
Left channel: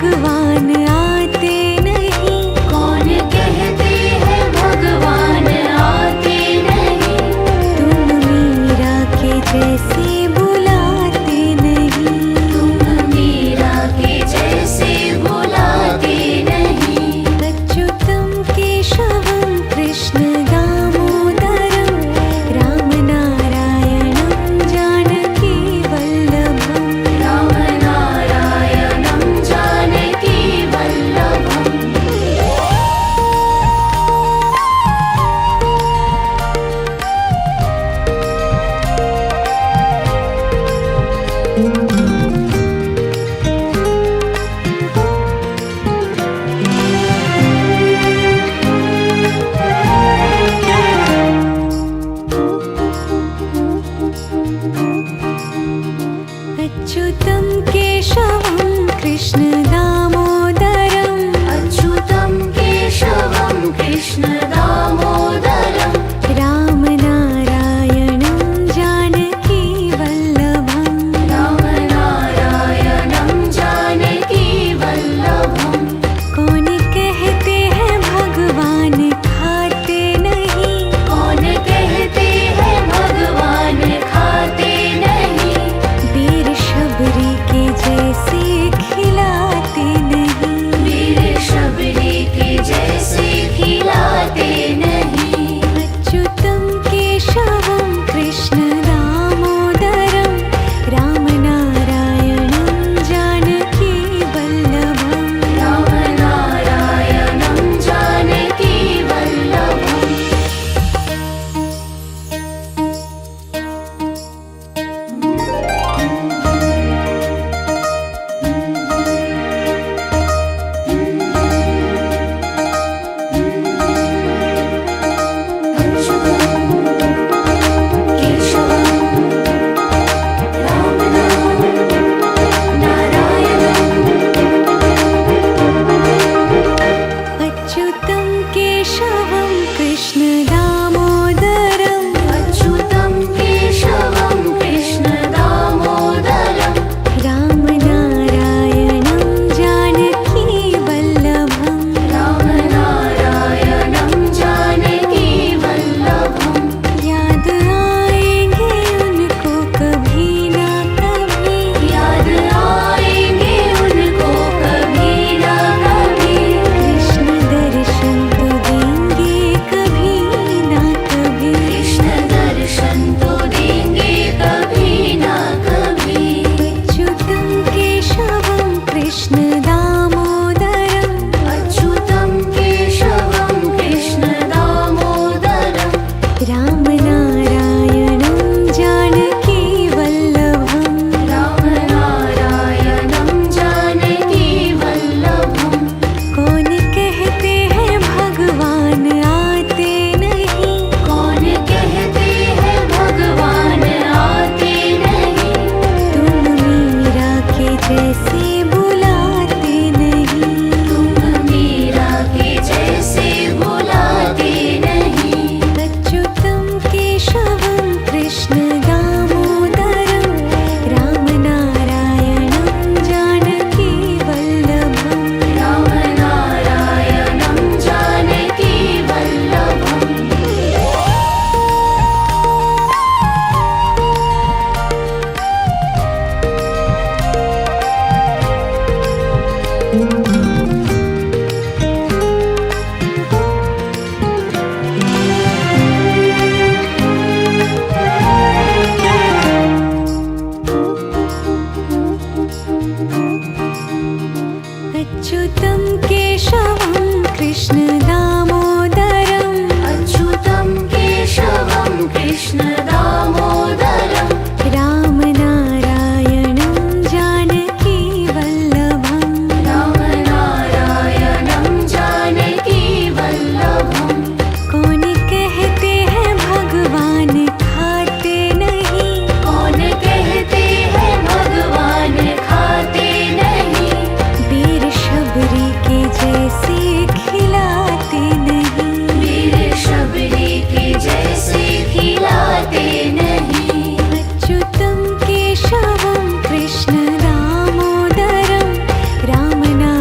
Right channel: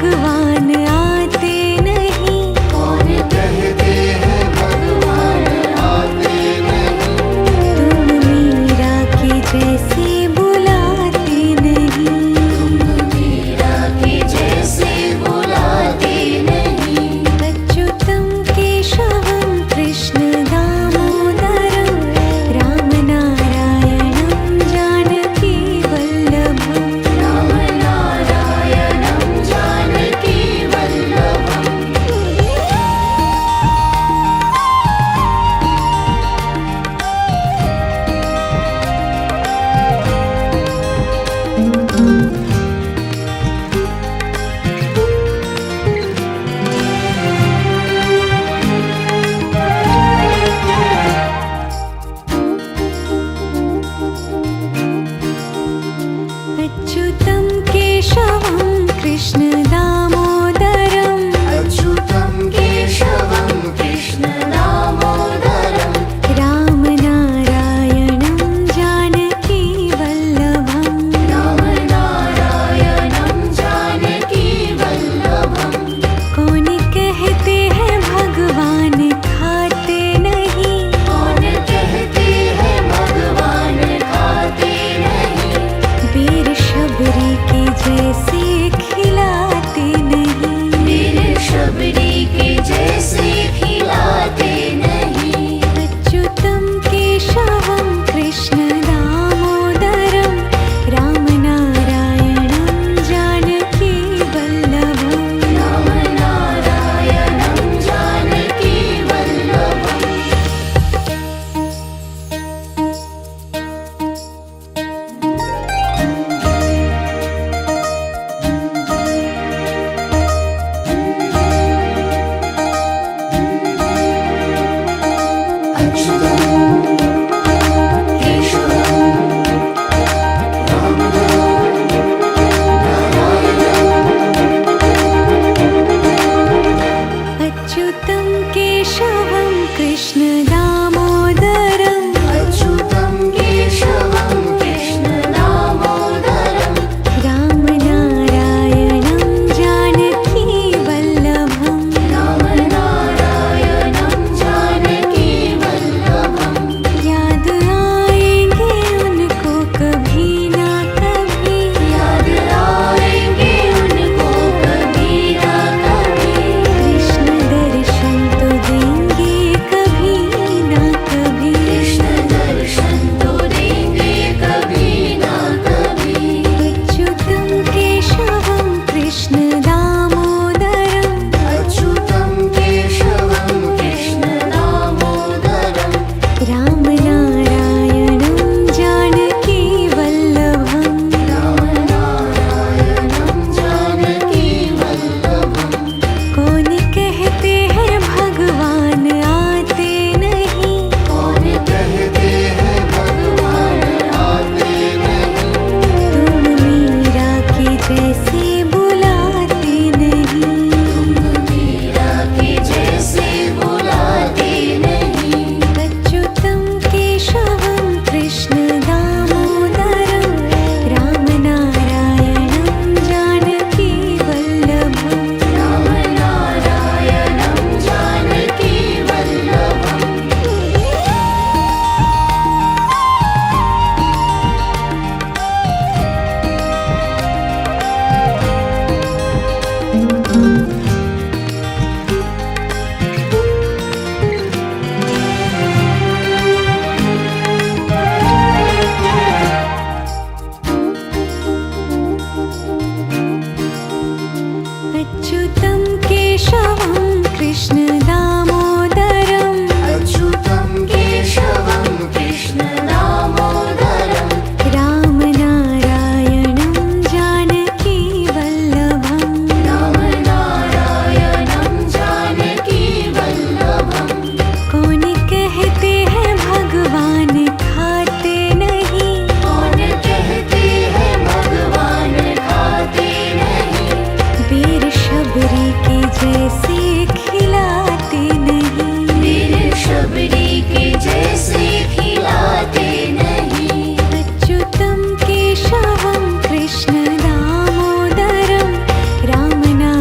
भगवान आते नहीं। कौन कहते हैं भगवान आते नहीं। तुम मीरा के जैसे बुलाते नहीं। मीरा के जैसे बुलाते नहीं। अच्युतं केशवं कृष्ण दामोदरं रामनारायणं जानकी वल्लभम्। रामनारायणं जानकी वल्लभम्। अच्युतं केशवं कृष्ण दामोदरं अच्युतं केशवं कृष्ण दामोदरं। रामनारायणं जानकी वल्लभम्। रामनारायणं जानकी वल्लभम्। कौन कहते हैं भगवान खाते नहीं। कौन कहते हैं भगवान खाते नहीं। वीर शबरी के जैसे खिलाते नहीं। वीर शबरी के जैसे खिलाते नहीं। अच्युतं केशवं कृष्ण दामोदरं रामनारायणं जानकी वल्लभम्। रामनारायणं जानकी वल्लभम्। अच्युतं केशवं कृष्ण दामोदरं अच्युतं केशवं कृष्ण दामोदरं। रामनारायणं जानकी वल्लभम्। रामनारायणं जानकी वल्लभम्। याद आएंगे उनको कभी ना कभी। याद आएंगे उनको कभी ना कभी। कृष्ण दर्शन तो देंगे कभी ना कभी। कृष्ण दर्शन तो देंगे कभी ना कभी। अच्युतं केशवं कृष्ण दामोदरं अच्युतं केशवं कृष्ण दामोदरं। रामनारायणं जानकी वल्लभम्। रामनारायणं जानकी वल्लभम्। कौन कहते हैं भगवान आते नहीं। कौन कहते हैं भगवान आते नहीं। तुम मीरा के जैसे बुलाते नहीं। मीरा के जैसे बुलाते नहीं। अच्युतं केशवं कृष्ण दामोदरं रामनारायणं जानकी वल्लभम्। रामनारायणं जानकी वल्लभम्। अच्युतं केशवं कृष्ण दामोदरं अच्युतं केशवं कृष्ण दामोदरं। रामनारायणं जानकी वल्लभम्। रामनारायणं जानकी वल्लभम्। कौन कहते हैं भगवान खाते नहीं। कौन कहते हैं भगवान खाते नहीं। वीर शबरी के जैसे खिलाते नहीं। वीर शबरी के जैसे खिलाते नहीं। अच्युतं केशवं कृष्ण दामोदरं रामनारायणं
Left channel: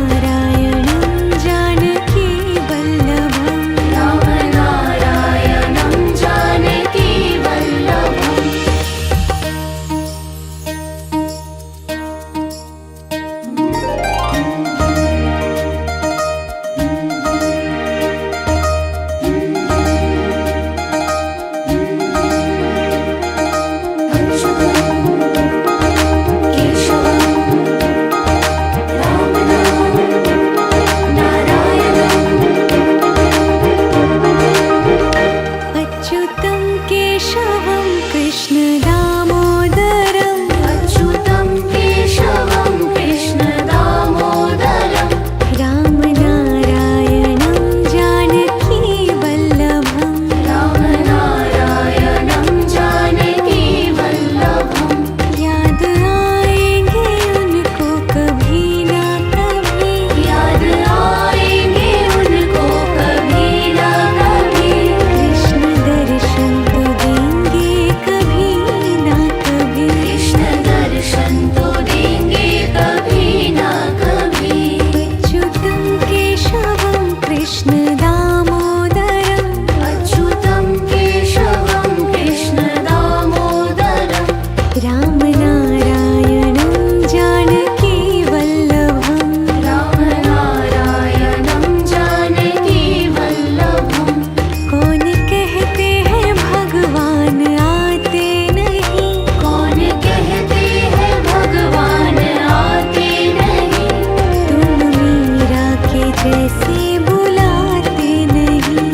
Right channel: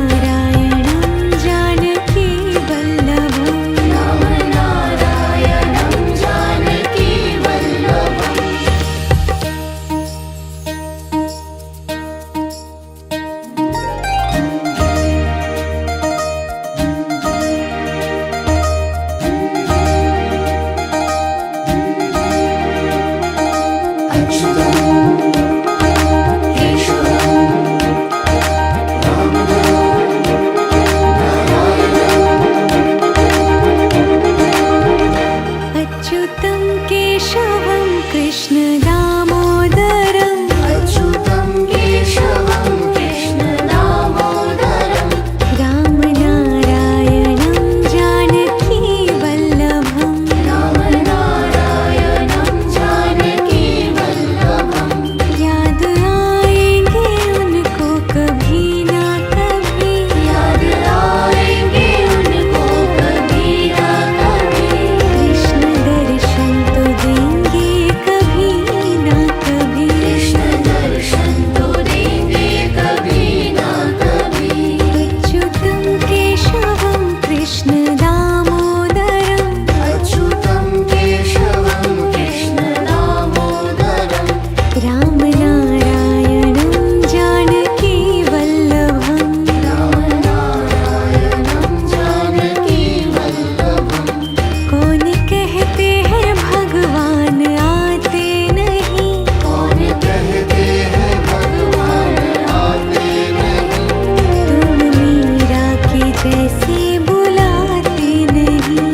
जैसे बुलाते नहीं।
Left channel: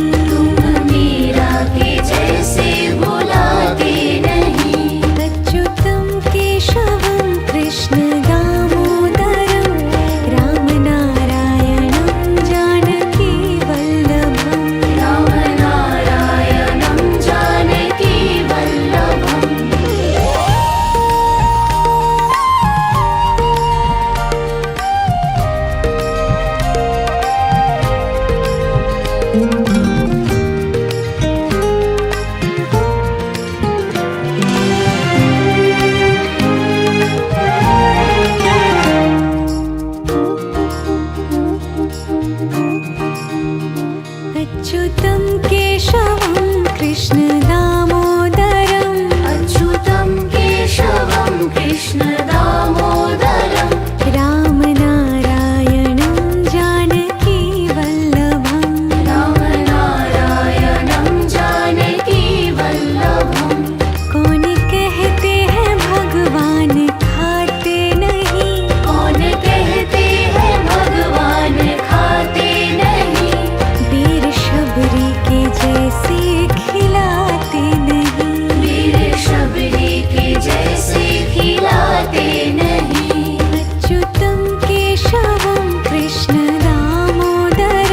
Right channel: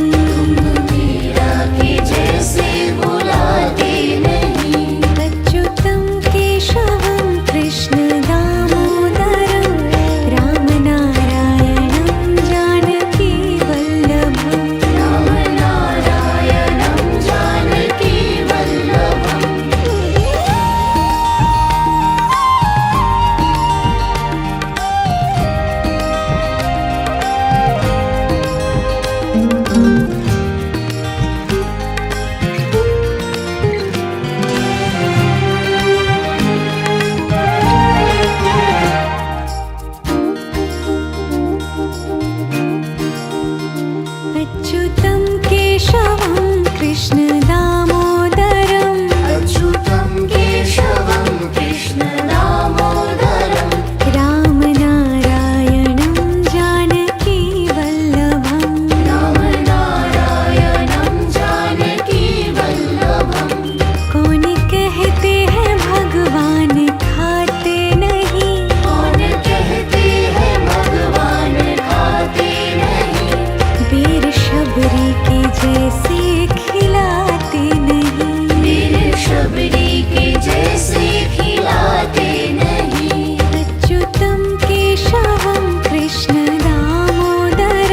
मीरा के जैसे बुलाते नहीं। अच्युतं केशवं कृष्ण दामोदरं रामनारायणं जानकी वल्लभम्। रामनारायणं जानकी वल्लभम्। अच्युतं केशवं कृष्ण दामोदरं अच्युतं केशवं कृष्ण दामोदरं। रामनारायणं जानकी वल्लभम्। रामनारायणं जानकी वल्लभम्। कौन कहते हैं भगवान खाते नहीं। कौन कहते हैं भगवान खाते नहीं। वीर शबरी के जैसे खिलाते नहीं। वीर शबरी के जैसे खिलाते नहीं। अच्युतं केशवं कृष्ण दामोदरं